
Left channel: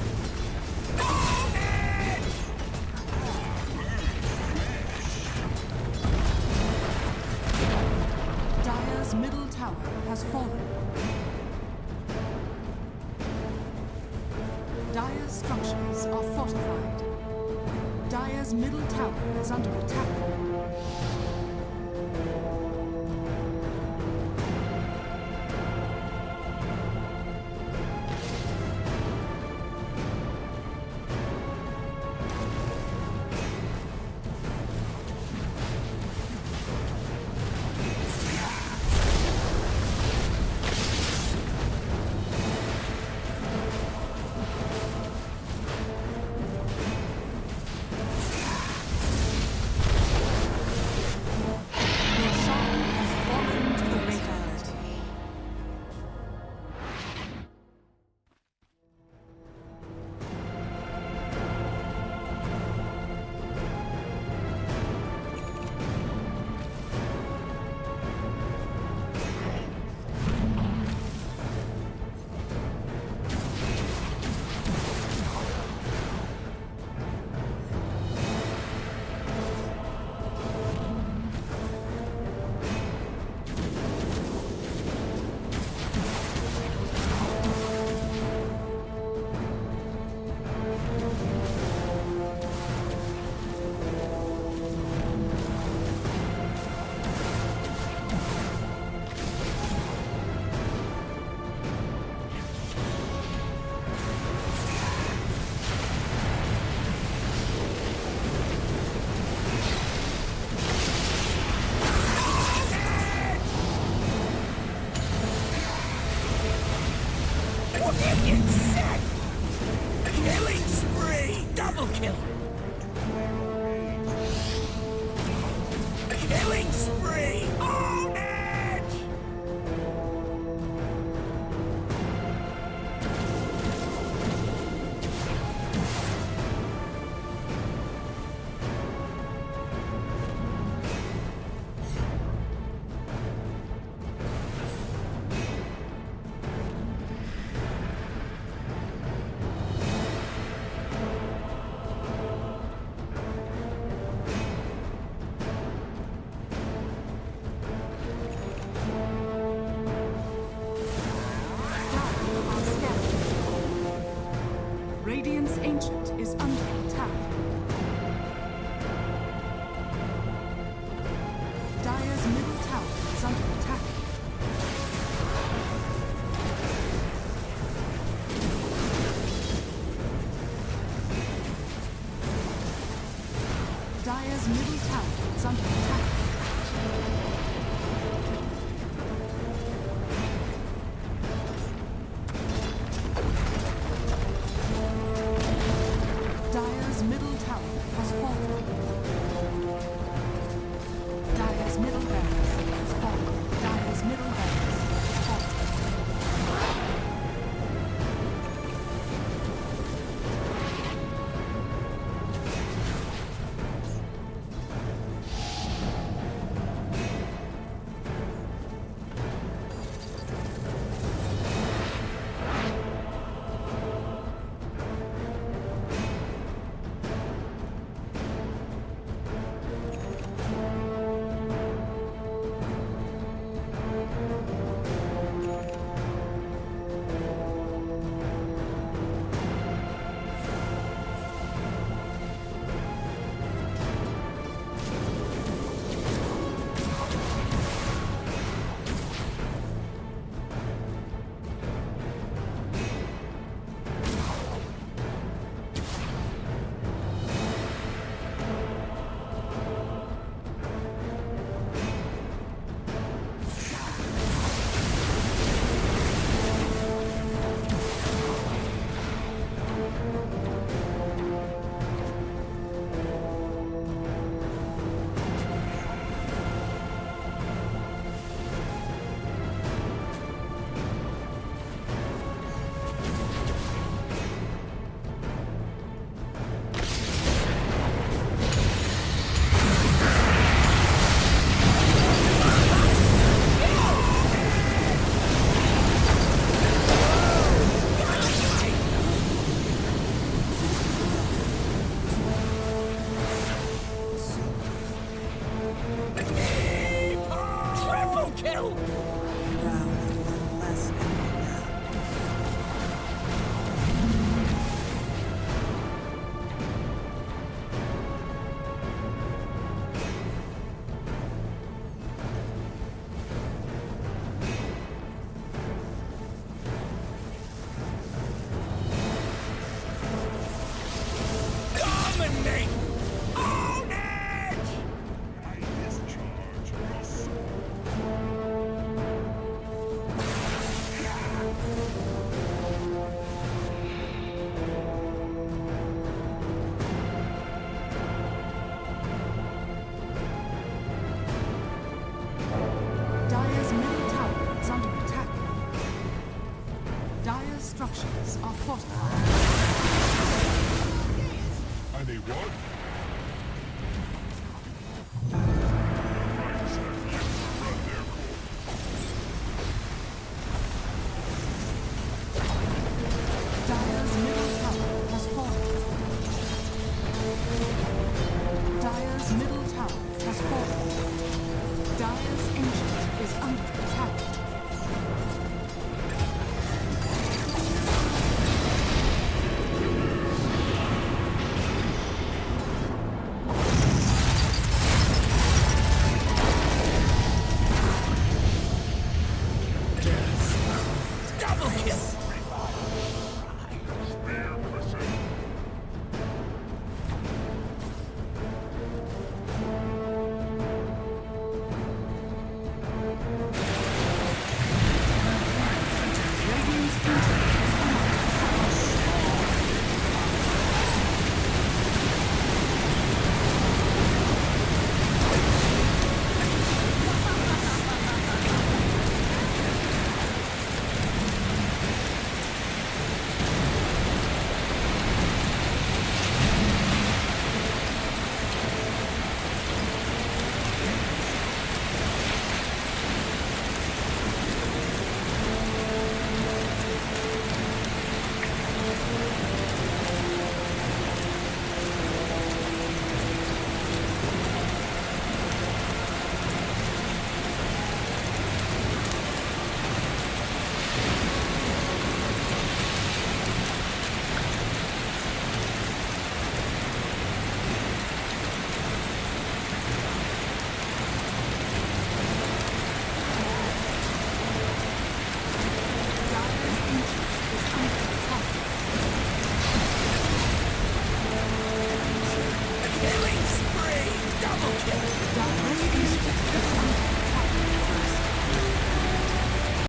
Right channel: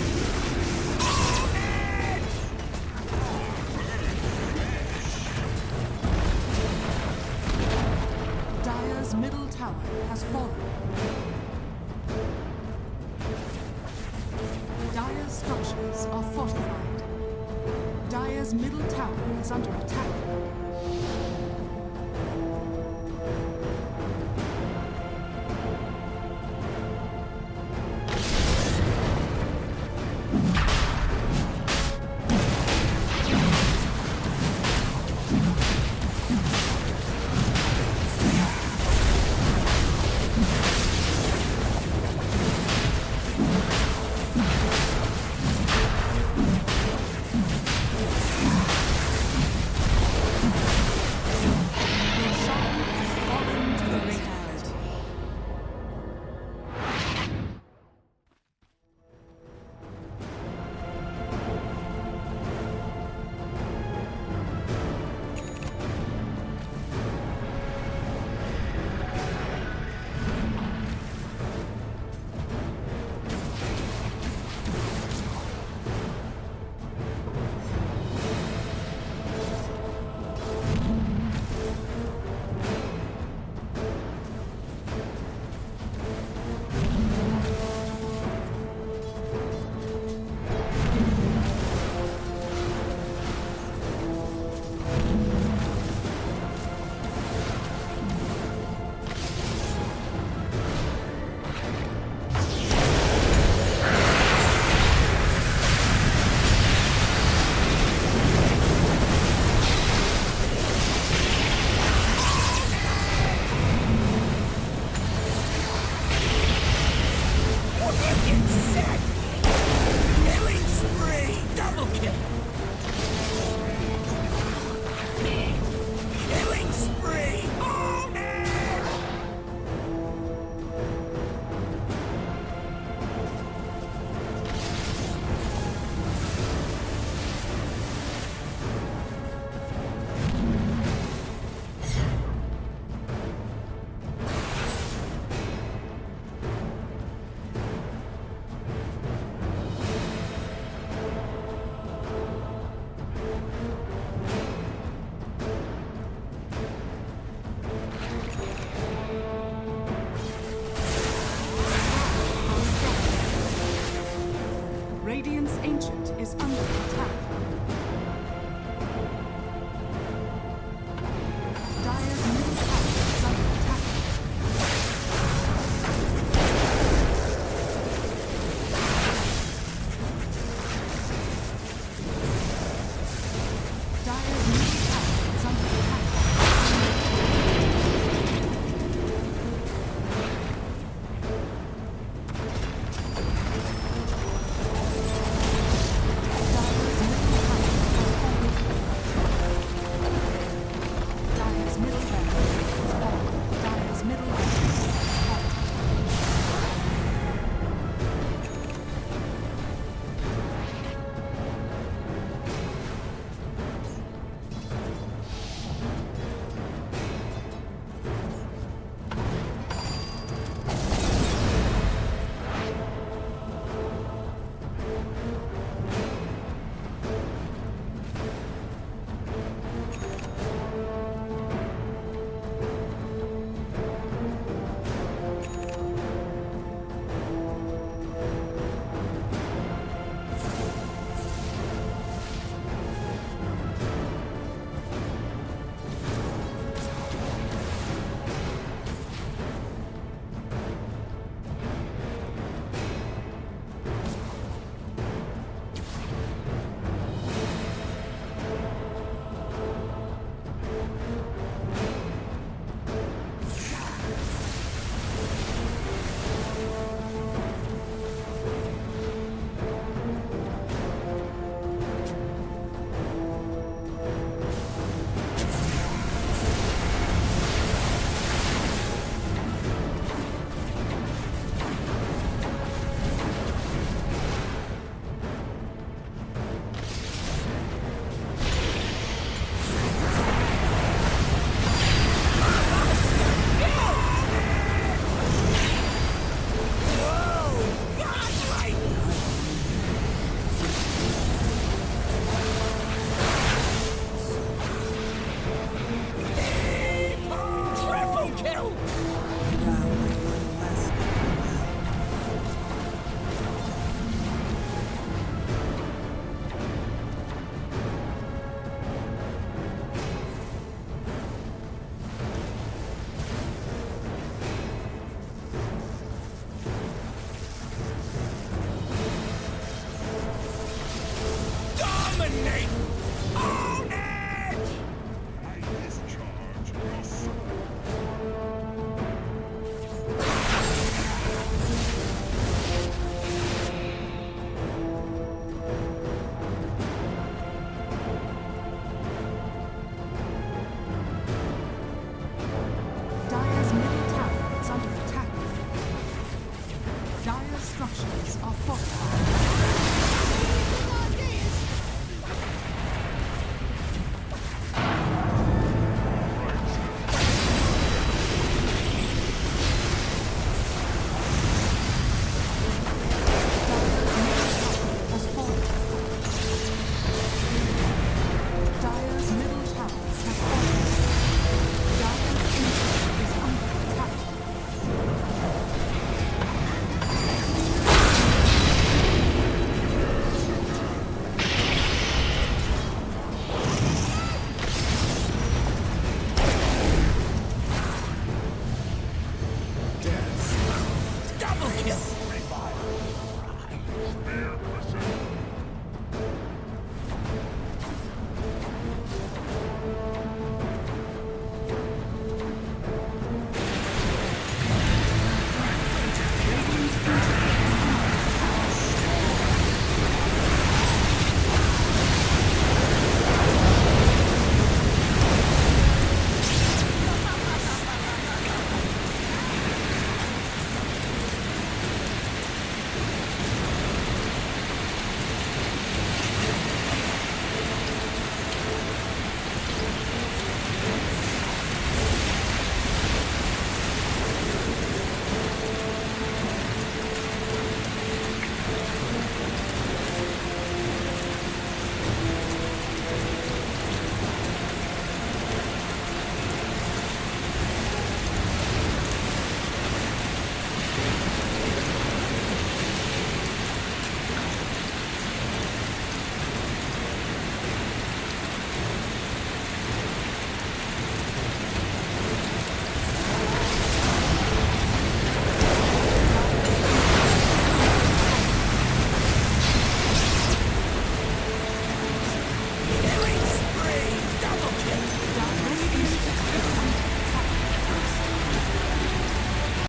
Dire's middle tower has fallen. Dire's structures are fortified. Dire's middle tower is under attack. Ancient is under attack. Dire's middle tower is under attack. Dire's middle tower is under attack. Dire's middle tower has fallen. Dire's middle barracks has fallen. Dire's middle barracks has fallen. Triple kill! Drow with one less enemy now. Dominate! Own it! I discharge your soul. Dire's middle tower is under attack. Dire's structures are fortified. I need one. Right, sir. Dire's middle tower has fallen. Dire's middle tower has fallen. Dire's ancient is under